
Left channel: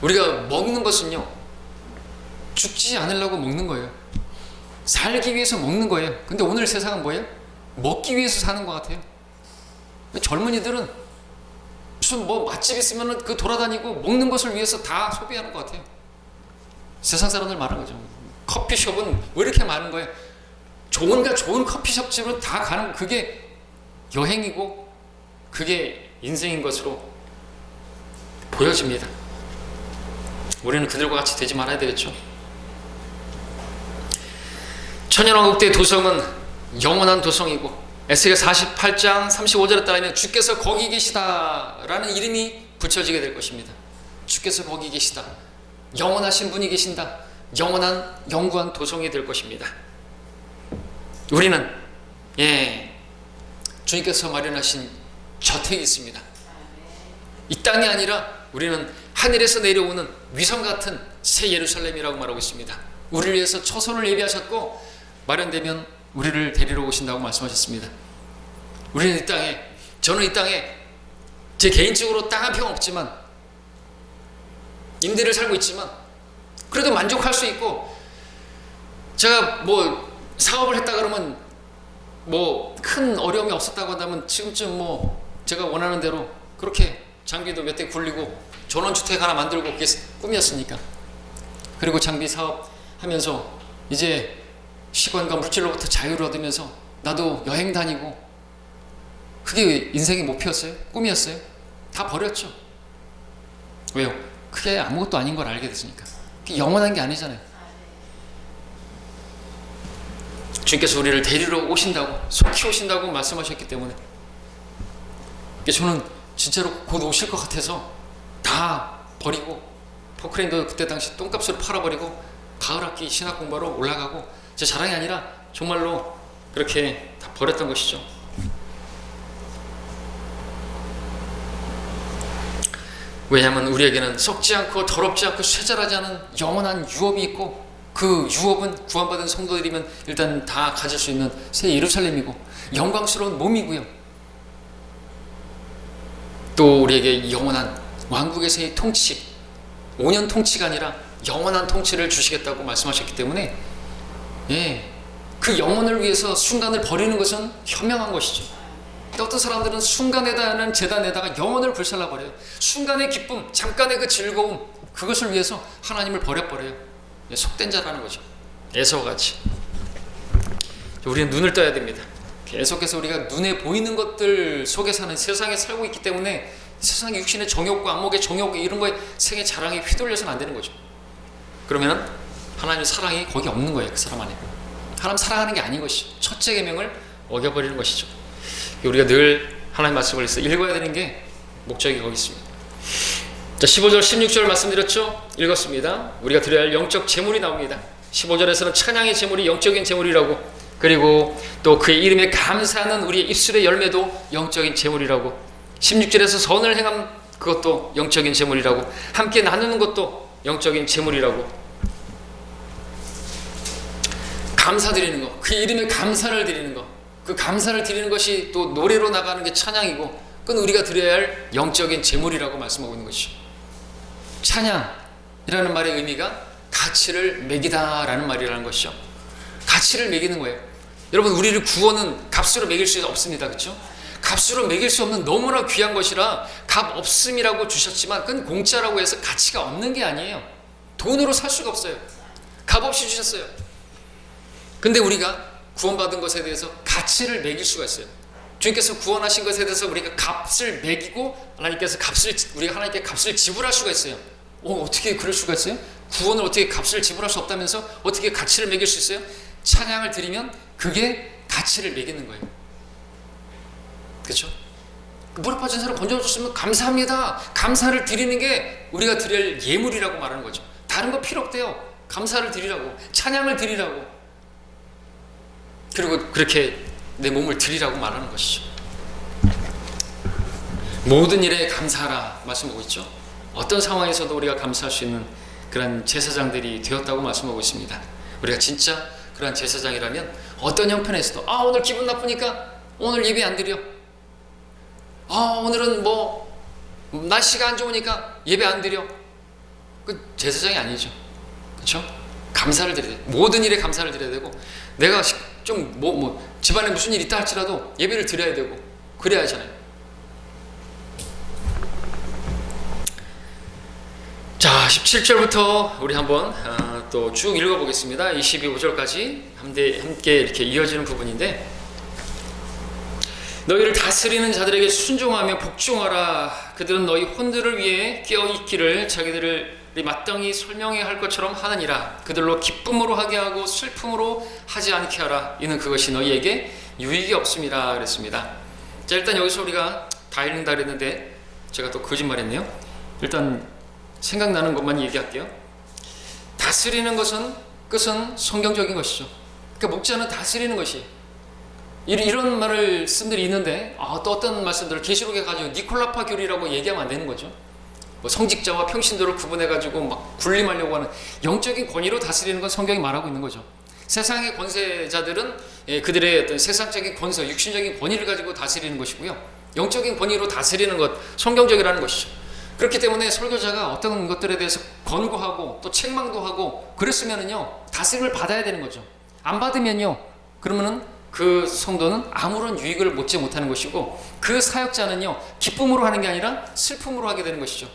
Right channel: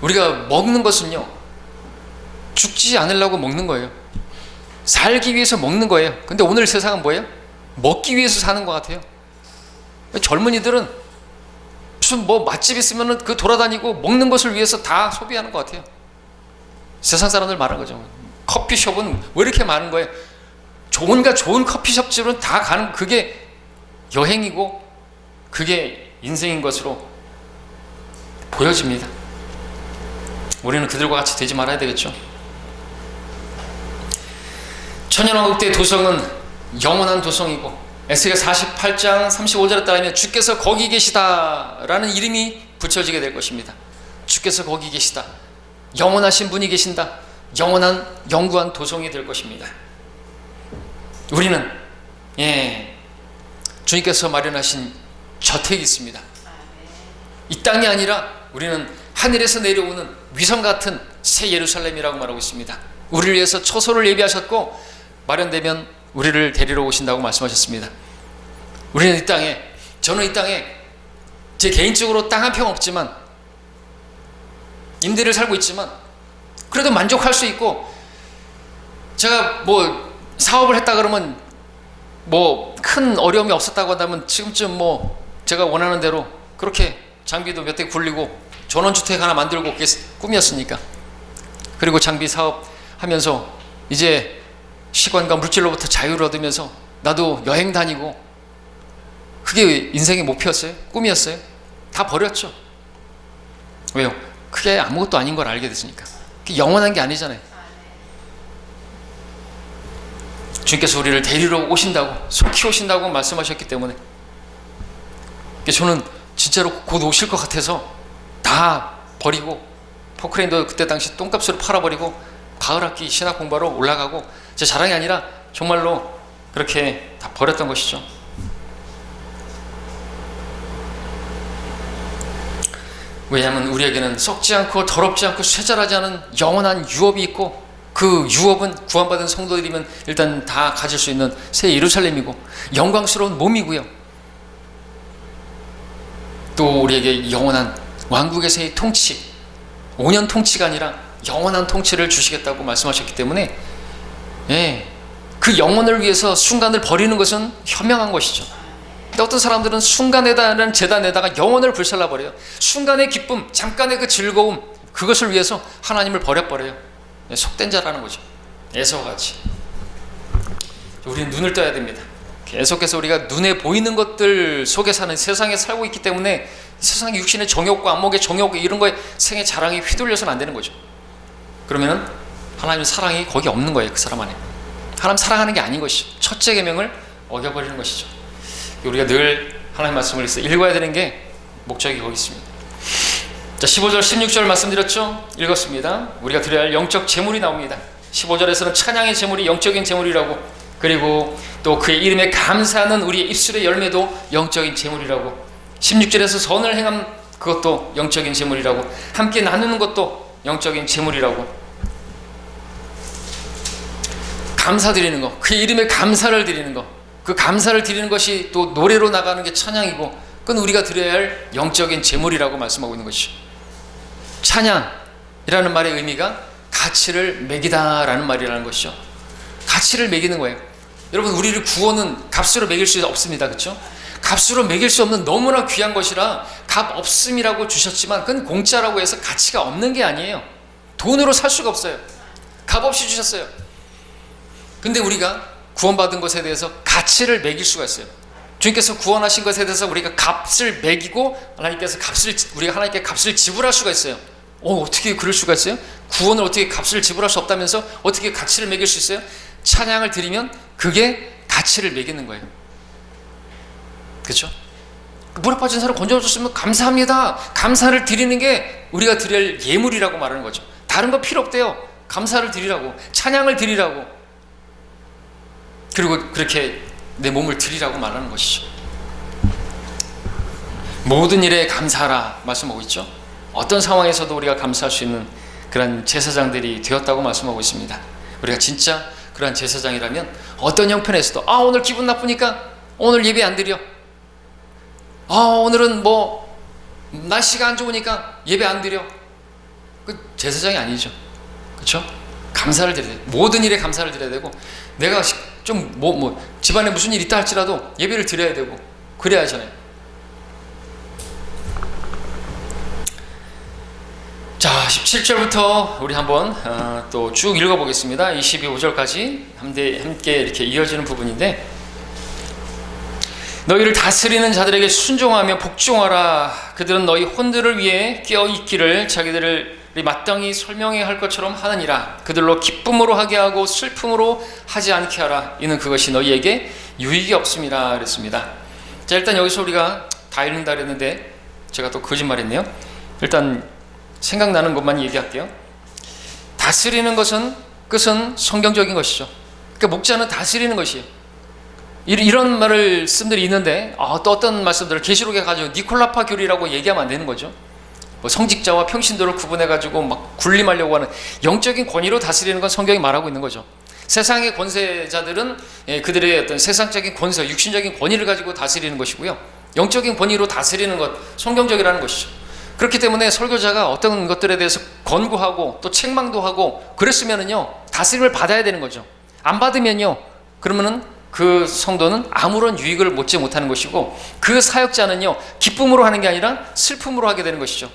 우리가 먹는 것은요 죽지 않으려고 먹는 거예요. 살기 위해서 먹는 거예요. 근데 오늘 세상은 뭐예요? 먹기 위해서 사는 것 같아요. 젊은이들은 무슨 맛집 있으면 그 돌아다니고 먹는 것을 위해서 다 소비하는 것 같아요. 세상 사람들 말하는 거죠. 커피숍은 왜 이렇게 많은 거예요? 좋은 커피숍집은 다 가는, 그게 여행이고 그게 인생인 것으로 보여집니다. 우리는 그들과 같이 되지 말아야 되겠죠. 천년왕국의 도성은 영원한 도성이고, 에스겔 48장 35절에 따르면 주께서 거기 계시다라는 이름이 붙여지게 될 것입니다. 주께서 거기 계시다, 영원하신 분이 계신다, 영구한 도성이 될 것입니다. 우리는 주님께서 마련하신 저택이 있습니다. 이 땅이 아니라 우리는 하늘에서 내려오는 위성 같은 새 예루살렘이라고 말하고 있습니다. 우리를 위해서 처소를 예비하셨고 마련되면 우리를 데리러 오신다고 말씀하셨습니다. 우리는 저는 이 땅에 제 개인적으로 땅 한 평 없지만 임대를 살고 있지만 그래도 만족할 수 있고, 제가 사업을 했다 그러면 큰 어려움이 없었다고 한다면 지금쯤 제가 원하는 대로 그렇게 장비도 몇 대 굴리고 전원주택 하나 만들고 그게 꿈이었으니까. 그리고 장비 사업 하면서 이제 시간과 물질로부터 자유를 얻으면서 나도 여행 다니고, 그게 인생의 목표였어요? 꿈이었어요? 다 버렸죠. 왜요? 그게 아무것도 아닌 걸 알게 됐으니까. 그게 영원한 게 아니잖아요. 주님께서 우리를 데리러 오신다고, 속히 오신다고 말씀하셨기 때문에 저는 진짜로 곧 오실 것 같아서 다 버리고, 포크레인도 그때 당시 똥값으로 팔아버리고 가을학기 신학 공부하러 올라가고, 제 자랑이 아니라 정말로 그렇게 다 버렸던 것이죠. 왜냐하면 우리에게는 썩지 않고 더럽지 않고 쇠절하지 않은 영원한 유업이 있고, 그 유업은 구원받은 성도들이면 일단 다 가질 수 있는 새 예루살렘이고 영광스러운 몸이고요, 또 우리에게 영원한 왕국의 새 통치, 5년 통치가 아니라 영원한 통치를 주시겠다고 말씀하셨기 때문에 그 영혼을 위해서 순간을 버리는 것은 현명한 것이죠. 근데 어떤 사람들은 순간에다는 재단에다가 영혼을 불살라버려요. 순간의 기쁨, 잠깐의 그 즐거움, 그것을 위해서 하나님을 버려버려요. 속된 자라는 거죠. 에서와 같이. 우리는 눈을 떠야 됩니다. 계속해서 우리가 눈에 보이는 것들 속에 사는 세상에 살고 있기 때문에 세상의 육신의 정욕과 안목의 정욕, 이런 거에 생의 자랑에 휘둘려서는 안 되는 거죠. 그러면은 하나님의 사랑이 거기 없는 거예요. 그 사람 안에 하나님 사랑하는 게 아닌 것이죠. 첫째 계명을 어겨버리는 것이죠. 우리가 늘 하나님 말씀을 읽어야 되는 게 목적이 거기 있습니다. 자, 자, 15절 16절 말씀드렸죠? 읽었습니다. 우리가 드려야 할 영적 제물이 나옵니다. 15절에서는 찬양의 제물이 영적인 제물이라고, 그리고 또 그의 이름에 감사하는 우리의 입술의 열매도 영적인 제물이라고, 16절에서 선을 행함 그것도 영적인 제물이라고, 함께 나누는 것도 영적인 제물이라고, 감사드리는 것, 그의 이름에 감사를 드리는 것, 그 감사를 드리는 것이 또 노래로 나가는 게 찬양이고, 그건 우리가 드려야 할 영적인 제물이라고 말씀하고 있는 것이죠. 찬양이라는 말의 의미가 가치를 매기다라는 말이라는 것이죠. 가치를 매기는 거예요. 여러분, 우리를 구원은 값으로 매길 수 없습니다. 그렇죠? 값으로 매길 수 없는 너무나 귀한 것이라 값 없음이라고 주셨지만 그건 공짜라고 해서 가치가 없는 게 아니에요. 돈으로 살 수가 없어요. 값 없이 주셨어요. 근데 우리가 구원받은 것에 대해서 가치를 매길 수가 있어요. 주님께서 구원하신 것에 대해서 우리가 값을 매기고 우리가 하나님께 값을 지불할 수가 있어요. 어떻게 그럴 수가 있어요? 구원을 어떻게 값을 지불할 수 없다면서 어떻게 가치를 매길 수 있어요? 찬양을 드리면 그게 가치를 매기는 거예요. 그렇죠? 물에 빠진 사람 건져줬으면 감사합니다. 감사를 드리는 게 우리가 드릴 예물이라고 말하는 거죠. 다른 거 필요 없대요. 감사를 드리라고, 찬양을 드리라고, 그리고 그렇게 내 몸을 드리라고 말하는 것이죠. 모든 일에 감사하라 말씀하고 있죠. 어떤 상황에서도 우리가 감사할 수 있는 그런 제사장들이 되었다고 말씀하고 있습니다. 우리가 진짜 그러한 제사장이라면 어떤 형편에서도 오늘 기분 나쁘니까 오늘 예배 안 드려, 오늘은 뭐 날씨가 안 좋으니까 예배 안 드려, 그 제사장이 아니죠. 그렇죠? 감사를 드려야 돼. 모든 일에 감사를 드려야 되고, 내가 좀 집안에 무슨 일 있다 할지라도 예배를 드려야 되고, 그래야 하잖아요. 자, 17절부터 우리 한번 또 쭉 읽어보겠습니다. 22절까지 함께 이렇게 이어지는 부분인데, 너희를 다스리는 자들에게 순종하며 복종하라. 그들은 너희 혼들을 위해 껴있기를 자기들이 마땅히 설명해야 할 것처럼 하느니라. 그들로 기쁨으로 하게 하고 슬픔으로 하지 않게 하라. 이는 그것이 너희에게 유익이 없음이라 그랬습니다. 자, 일단 여기서 우리가 다 읽는다 그랬는데 제가 또 거짓말했네요. 일단 생각나는 것만 얘기할게요. 다스리는 끝은 성경적인 것이죠. 그러니까 목자는 다스리는 것이에요. 이런 말씀들이 있는데 또 어떤 말씀들을 계시록에 가지고 니콜라파 교리라고 얘기하면 안 되는 거죠. 성직자와 평신도를 구분해가지고 막 군림하려고 하는 영적인 권위로 다스리는 건 성경이 말하고 있는 거죠. 세상의 권세자들은 그들의 어떤 세상적인 권세, 육신적인 권위를 가지고 다스리는 것이고요, 영적인 권위로 다스리는 것, 성경적이라는 것이죠. 그렇기 때문에 설교자가 어떤 것들에 대해서 권고하고 또 책망도 하고 그랬으면은요, 다스림을 받아야 되는 거죠. 안 받으면요, 그러면은 그 성도는 아무런 유익을 얻지 못하는 것이고, 그 사역자는요, 기쁨으로 하는 게 아니라 슬픔으로 하게 되는 것이죠.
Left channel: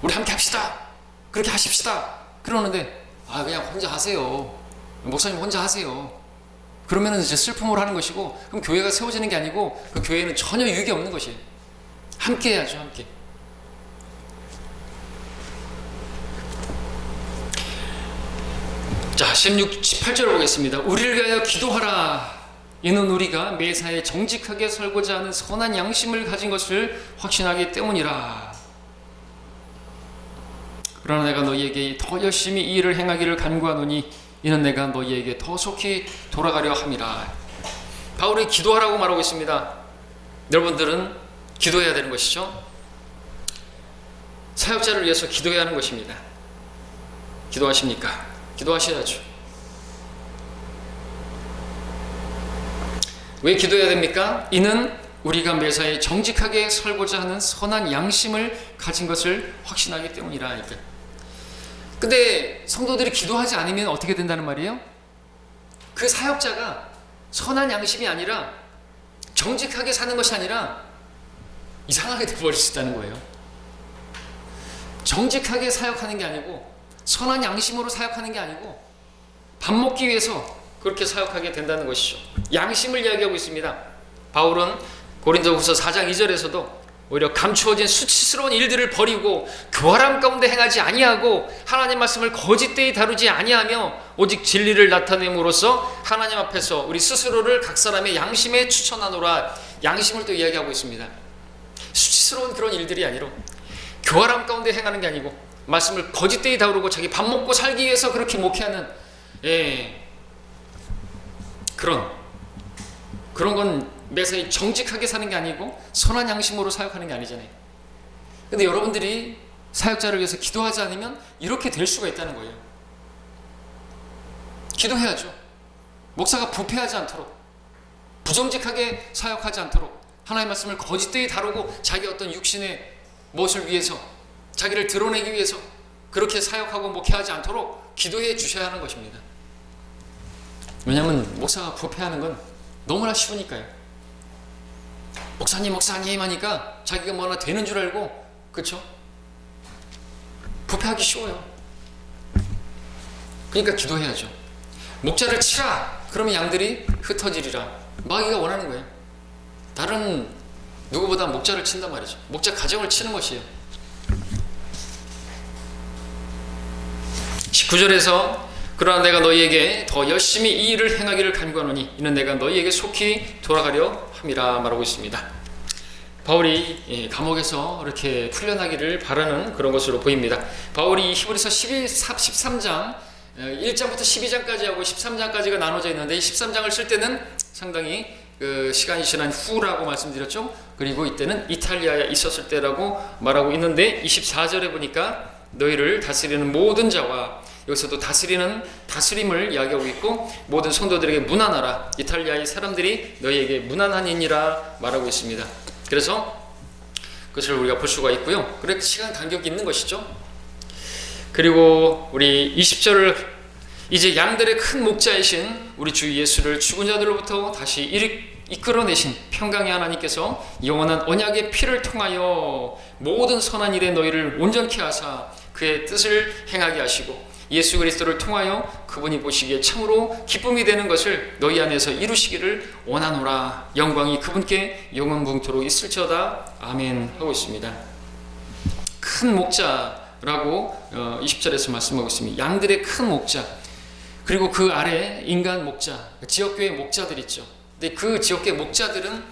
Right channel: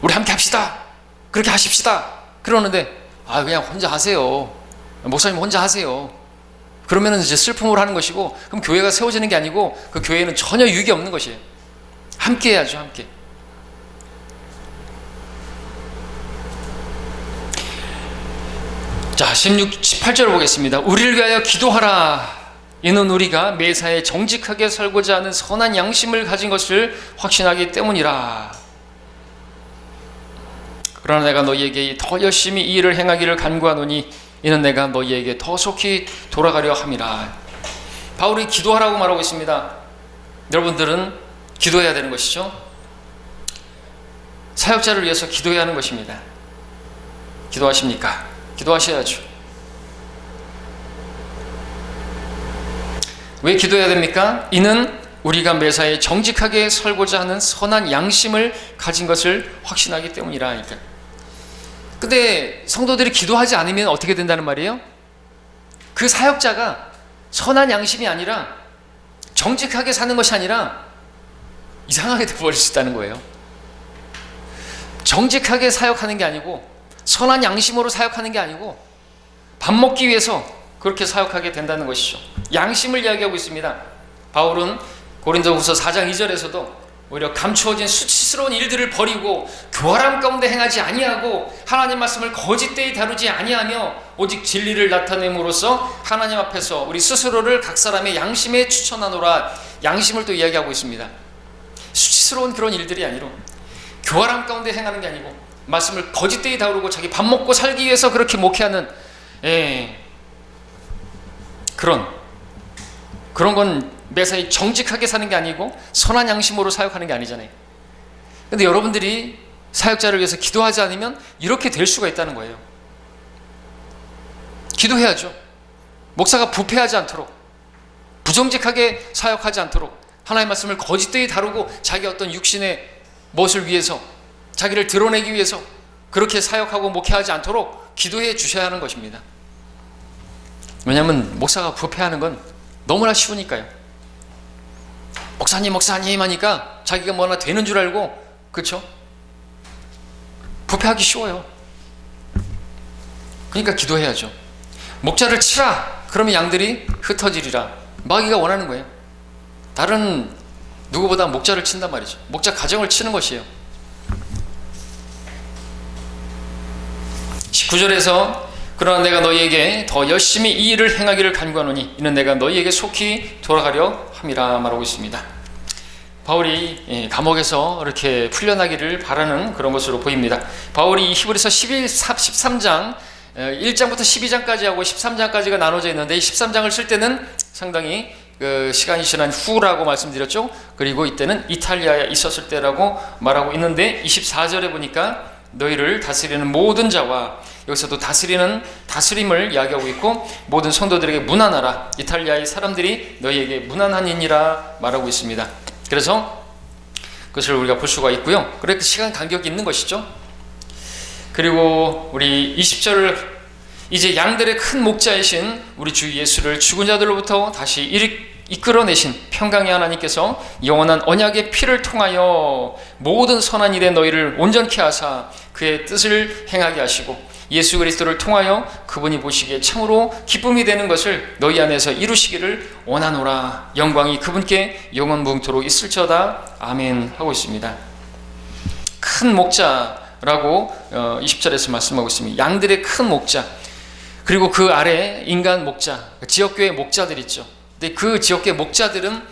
우리 함께 합시다, 그렇게 하십시다 그러는데 그냥 혼자 하세요, 목사님 혼자 하세요, 그러면은 이제 슬픔으로 하는 것이고, 그럼 교회가 세워지는 게 아니고 그 교회는 전혀 유익이 없는 것이에요. 함께 해야죠. 함께. 자, 18절을 보겠습니다. 우리를 위하여 기도하라. 이는 우리가 매사에 정직하게 살고자 하는 선한 양심을 가진 것을 확신하기 때문이라. 그러나 내가 너희에게 더 열심히 이 일을 행하기를 간구하노니 이는 내가 너희에게 더 속히 돌아가려 함이라. 바울이 기도하라고 말하고 있습니다. 여러분들은 기도해야 되는 것이죠. 사역자를 위해서 기도해야 하는 것입니다. 기도하십니까? 기도하셔야죠. 왜 기도해야 됩니까? 이는 우리가 매사에 정직하게 살고자 하는 선한 양심을 가진 것을 확신하기 때문이라. 근데 성도들이 기도하지 않으면 어떻게 된다는 말이에요? 그 사역자가 선한 양심이 아니라, 정직하게 사는 것이 아니라 이상하게 돼버릴 수 있다는 거예요. 정직하게 사역하는 게 아니고, 선한 양심으로 사역하는 게 아니고, 밥 먹기 위해서 그렇게 사역하게 된다는 것이죠. 양심을 이야기하고 있습니다. 바울은 고린도후서 4장 2절에서도 오히려 감추어진 수치스러운 일들을 버리고 교활함 가운데 행하지 아니하고 하나님 말씀을 거짓되이 다루지 아니하며 오직 진리를 나타냄으로써 하나님 앞에서 우리 스스로를 각 사람의 양심에 추천하노라. 양심을 또 이야기하고 있습니다. 수치스러운 그런 일들이 아니로 교활함 가운데 행하는 게 아니고 말씀을 거짓되이 다루고 자기 밥 먹고 살기 위해서 그렇게 목회하는 그런 건 매사에 정직하게 사는 게 아니고 선한 양심으로 사역하는 게 아니잖아요. 근데 여러분들이 사역자를 위해서 기도하지 않으면 이렇게 될 수가 있다는 거예요. 기도해야죠. 목사가 부패하지 않도록, 부정직하게 사역하지 않도록, 하나님의 말씀을 거짓되이 다루고 자기 어떤 육신의 무엇을 위해서, 자기를 드러내기 위해서 그렇게 사역하고 목회하지 않도록 기도해 주셔야 하는 것입니다. 왜냐하면 목사가 부패하는 건 너무나 쉬우니까요. 목사님 하니까 자기가 뭐나 되는 줄 알고, 그렇죠? 부패하기 쉬워요. 그러니까 기도해야죠. 목자를 치라, 그러면 양들이 흩어지리라. 마귀가 원하는 거예요. 다른 누구보다 목자를 친단 말이죠. 목자 가정을 치는 것이에요. 19절에서 그러나 내가 너희에게 더 열심히 이 일을 행하기를 간구하노니 이는 내가 너희에게 속히 돌아가려 함이라 말하고 있습니다. 바울이 감옥에서 이렇게 풀려나기를 바라는 그런 것으로 보입니다. 바울이 히브리서 13장 1장부터 12장까지 하고 13장까지가 나눠져 있는데, 13장을 쓸 때는 상당히 시간이 지난 후라고 말씀드렸죠. 그리고 이때는 이탈리아에 있었을 때라고 말하고 있는데, 24절에 보니까 너희를 다스리는 모든 자와, 여기서도 다스림을 이야기하고 있고, 모든 성도들에게 문안하라. 이탈리아의 사람들이 너희에게 문안하니라 말하고 있습니다. 그래서 그것을 우리가 볼 수가 있고요. 그렇게 시간 간격이 있는 것이죠. 그리고 우리 20절을, 이제 양들의 큰 목자이신 우리 주 예수를 죽은 자들로부터 다시 이끌어내신 평강의 하나님께서 영원한 언약의 피를 통하여 모든 선한 일에 너희를 온전케 하사 그의 뜻을 행하게 하시고 예수 그리스도를 통하여 그분이 보시기에 참으로 기쁨이 되는 것을 너희 안에서 이루시기를 원하노라. 영광이 그분께 영원무궁토록 있을지어다. 아멘 하고 있습니다. 큰 목자라고 20절에서 말씀하고 있습니다. 양들의 큰 목자, 그리고 그 아래 인간 목자, 지역교회 목자들 있죠. 근데 그 지역교회 목자들은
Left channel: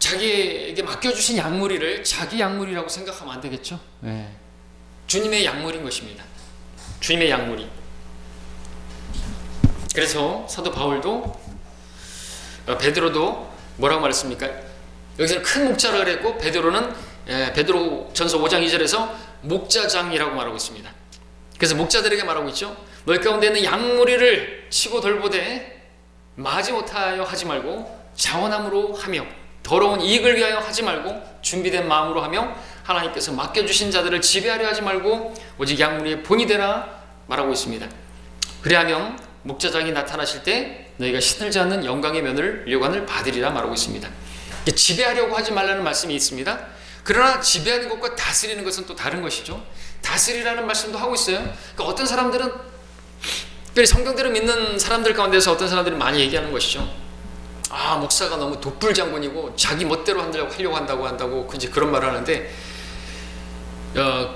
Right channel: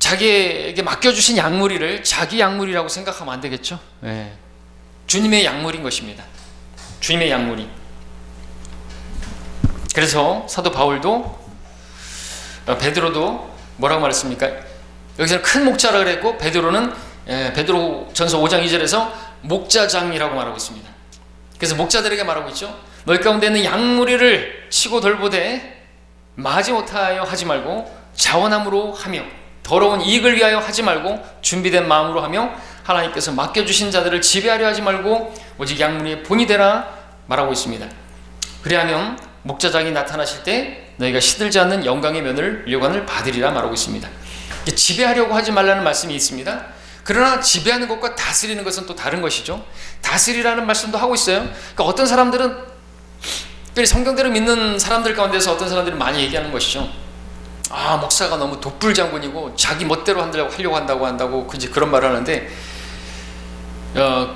자기에게 맡겨주신 양무리를 자기 양무리라고 생각하면 안 되겠죠. 주님의 양무리인 것입니다. 주님의 양무리. 그래서 사도 바울도 베드로도 뭐라고 말했습니까? 여기서는 큰 목자라 그랬고, 베드로는 베드로전서 5장 2절에서 목자장이라고 말하고 있습니다. 그래서 목자들에게 말하고 있죠. 너희 가운데 있는 양무리를 치고 돌보되 마지 못하여 하지 말고 자원함으로 하며 더러운 이익을 위하여 하지 말고 준비된 마음으로 하며 하나님께서 맡겨주신 자들을 지배하려 하지 말고 오직 양무리의 본이 되라 말하고 있습니다. 그리하면 목자장이 나타나실 때 너희가 시들지 않는 영광의 면을 료관을 받으리라 말하고 있습니다. 지배하려고 하지 말라는 말씀이 있습니다. 그러나 지배하는 것과 다스리는 것은 또 다른 것이죠. 다스리라는 말씀도 하고 있어요. 그러니까 어떤 사람들은, 특별히 성경대로 믿는 사람들 가운데서 어떤 사람들이 많이 얘기하는 것이죠. 아, 목사가 너무 독불장군이고 자기 멋대로 하려고 한다고 이제 그런 말을 하는데,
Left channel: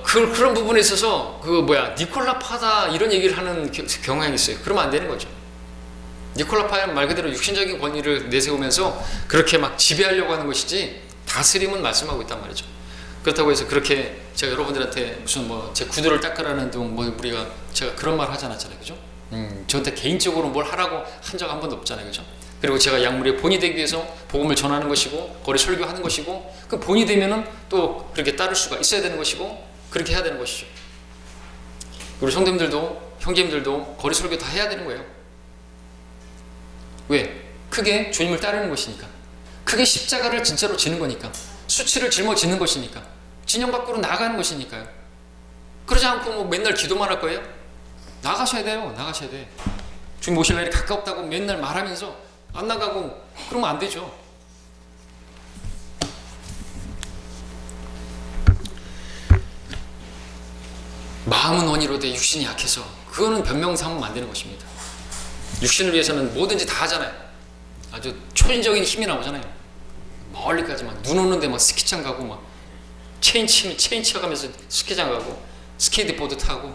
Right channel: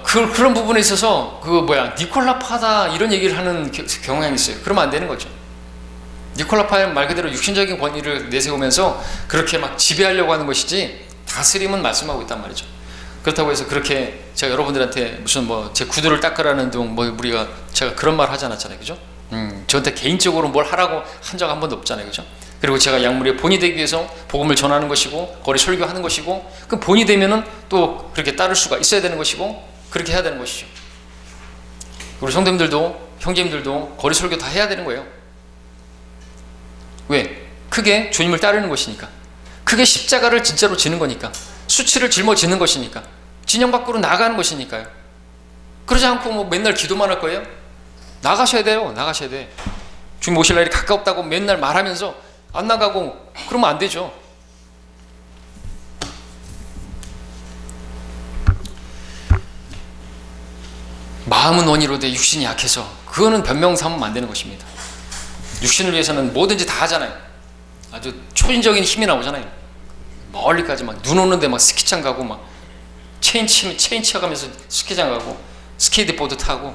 그런 부분에 있어서 니콜라 파다 이런 얘기를 하는 경향이 있어요. 그러면 안 되는 거죠. 니콜라 파는 말 그대로 육신적인 권위를 내세우면서 그렇게 막 지배하려고 하는 것이지 다스림은 말씀하고 있단 말이죠. 그렇다고 해서 그렇게 제가 여러분들한테 무슨 제 구두를 닦으라는 둥 제가 그런 말 하지 않았잖아요, 그죠? 저한테 개인적으로 뭘 하라고 한 적 한 번도 없잖아요, 그죠? 그리고 제가 양무리의 본이 되기 위해서 복음을 전하는 것이고 거리 설교하는 것이고, 그 본이 되면은 또 그렇게 따를 수가 있어야 되는 것이고 그렇게 해야 되는 것이죠. 우리 성도님들도 형제님들도 거리 설교 다 해야 되는 거예요. 왜? 크게 주님을 따르는 것이니까, 크게 십자가를 진짜로 지는 거니까, 수치를 짊어지는 것이니까, 진영 밖으로 나가는 것이니까요. 그러지 않고 맨날 기도만 할 거예요? 나가셔야 돼요. 나가셔야 돼. 주님 오실 날이 가까웠다고 맨날 말하면서 안 나가고 그러면 안 되죠. 마음은 원이로되 육신이 약해서, 그거는 변명 삼으면 안 되는 것입니다. 육신을 위해서는 뭐든지 다 하잖아요. 아주 초인적인 힘이 나오잖아요. 멀리까지 눈 오는데 스키장 가고 체인 치어가면서 스키장 가고 스케이트보드 타고.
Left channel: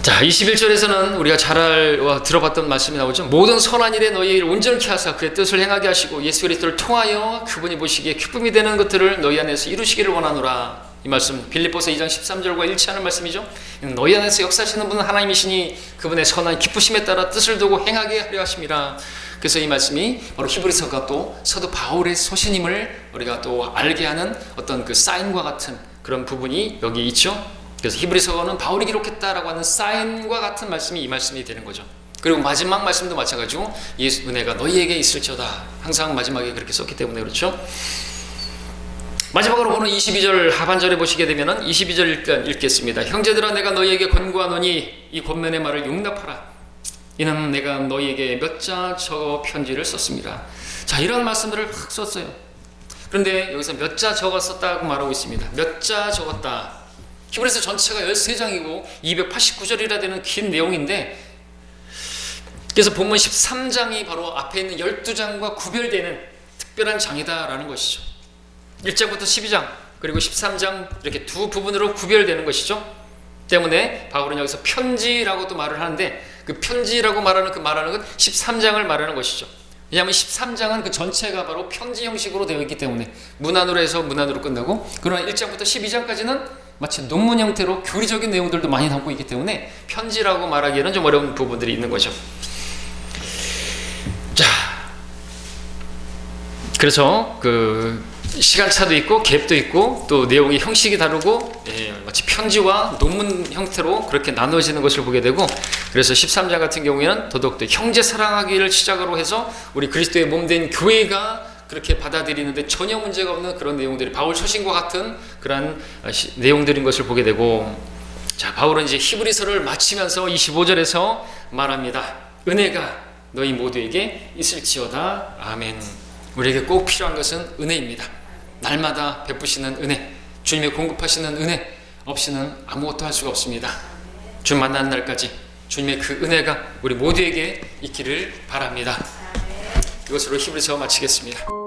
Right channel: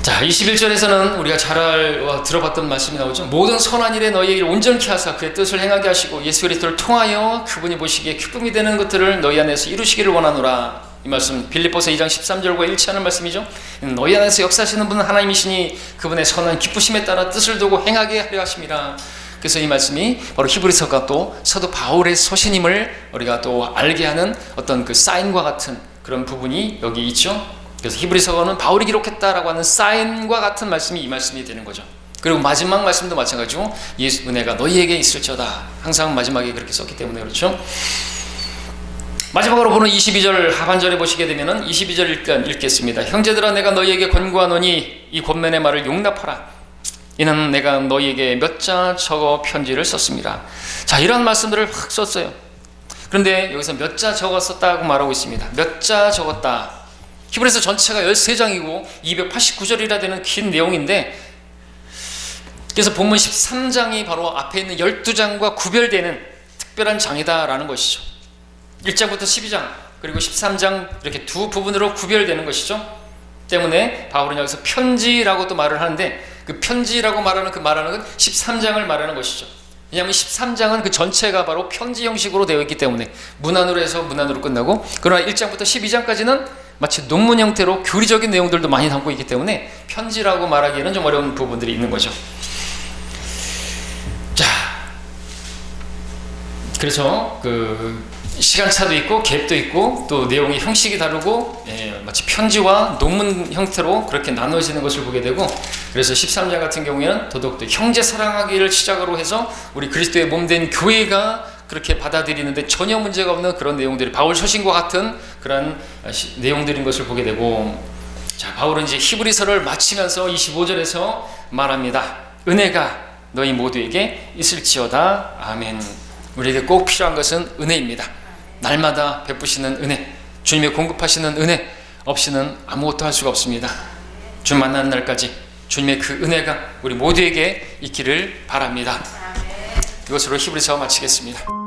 자, 자, 21절에서는 우리가 잘 들어봤던 말씀이 나오죠. 모든 선한 일에 너희의 일을 온전케 하사 그의 뜻을 행하게 하시고 예수 그리스도를 통하여 그분이 보시기에 기쁨이 되는 것들을 너희 안에서 이루시기를 원하노라. 이 말씀 빌립보서 2장 13절과 일치하는 말씀이죠. 너희 안에서 역사하시는 분은 하나님이시니 그분의 선한 기쁘심에 따라 뜻을 두고 행하게 하려 하심이라. 그래서 이 말씀이 바로 히브리서가 또 사도 바울의 서신임을 우리가 또 알게 하는 어떤 그 사인과 같은 그런 부분이 여기 있죠. 그래서 히브리서는 바울이 기록했다라고 하는 사인과 같은 말씀이 이 말씀이 되는 거죠. 그리고 마지막 말씀도 마찬가지고 예수 은혜가 너희에게 있을지어다. 항상 마지막에 그렇게 썼기 때문에 그렇죠. 마지막으로 보는 22절 하반절에 보시게 되면은 22절 일단 읽겠습니다. 형제들아 내가 너희에게 권고하노니 이 권면의 말을 용납하라. 이는 내가 너희에게 몇 자 적어 편지를 썼습니다. 자, 이런 말씀들을 확 썼어요. 그런데 여기서 몇 자 적어 썼다고 말하고 있습니다. 몇 자 적었다. 히브리서 전체가 13장이고 289절이라 되는 긴 내용인데, 그래서 본문 13장이 바로 앞에 있는 12장과 구별되는 특별한 장이다라는 것이죠. 1장부터 12장 그리고 13장 이렇게 두 부분으로 구별되는 것이죠. 때문에 바울은 여기서 편지라고 또 말을 하는데, 그 편지라고 말하는 건 13장을 말하는 것이죠. 왜냐하면 13장은 그 전체가 바로 편지 형식으로 되어 있기 때문에 문안으로 해서 문안으로 끝나고, 그러나 1장부터 12장까지는 마치 논문 형태로 교리적인 내용들도 많이 담고 있기 때문에 편지라고 말하기에는 좀 어려운 부분들이 있는 거죠. 자, 그래서 그 시간차도 있고 갭도 있고 또 내용의 형식이 다르고, 마치 편지와 논문 형태로 그렇게 나누어지는 것을 보게 되고, 그래서 13장 같은 경우에는 더더욱더 형제 사랑하기를 시작으로 해서 우리 그리스도의 몸된 교회가 그렇게 받아들이는데 전혀 문제가 없는 그런 내용들이 바울 서신과 같은 그런 내용들인 것을 보게 되고, 자, 바울은 이제 히브리서를 마치면서 25절에서 말합니다. 은혜가 너희 모두에게 있을지어다. 아멘. 우리에게 꼭 필요한 것은 은혜입니다. 날마다 베푸시는 은혜, 주님의 공급하시는 은혜 없이는 아무것도 할 수가 없습니다. 주님 만나는 날까지 주님의 그 은혜가 우리 모두에게 있기를 바랍니다. 이것으로 히브리서 마치겠습니다.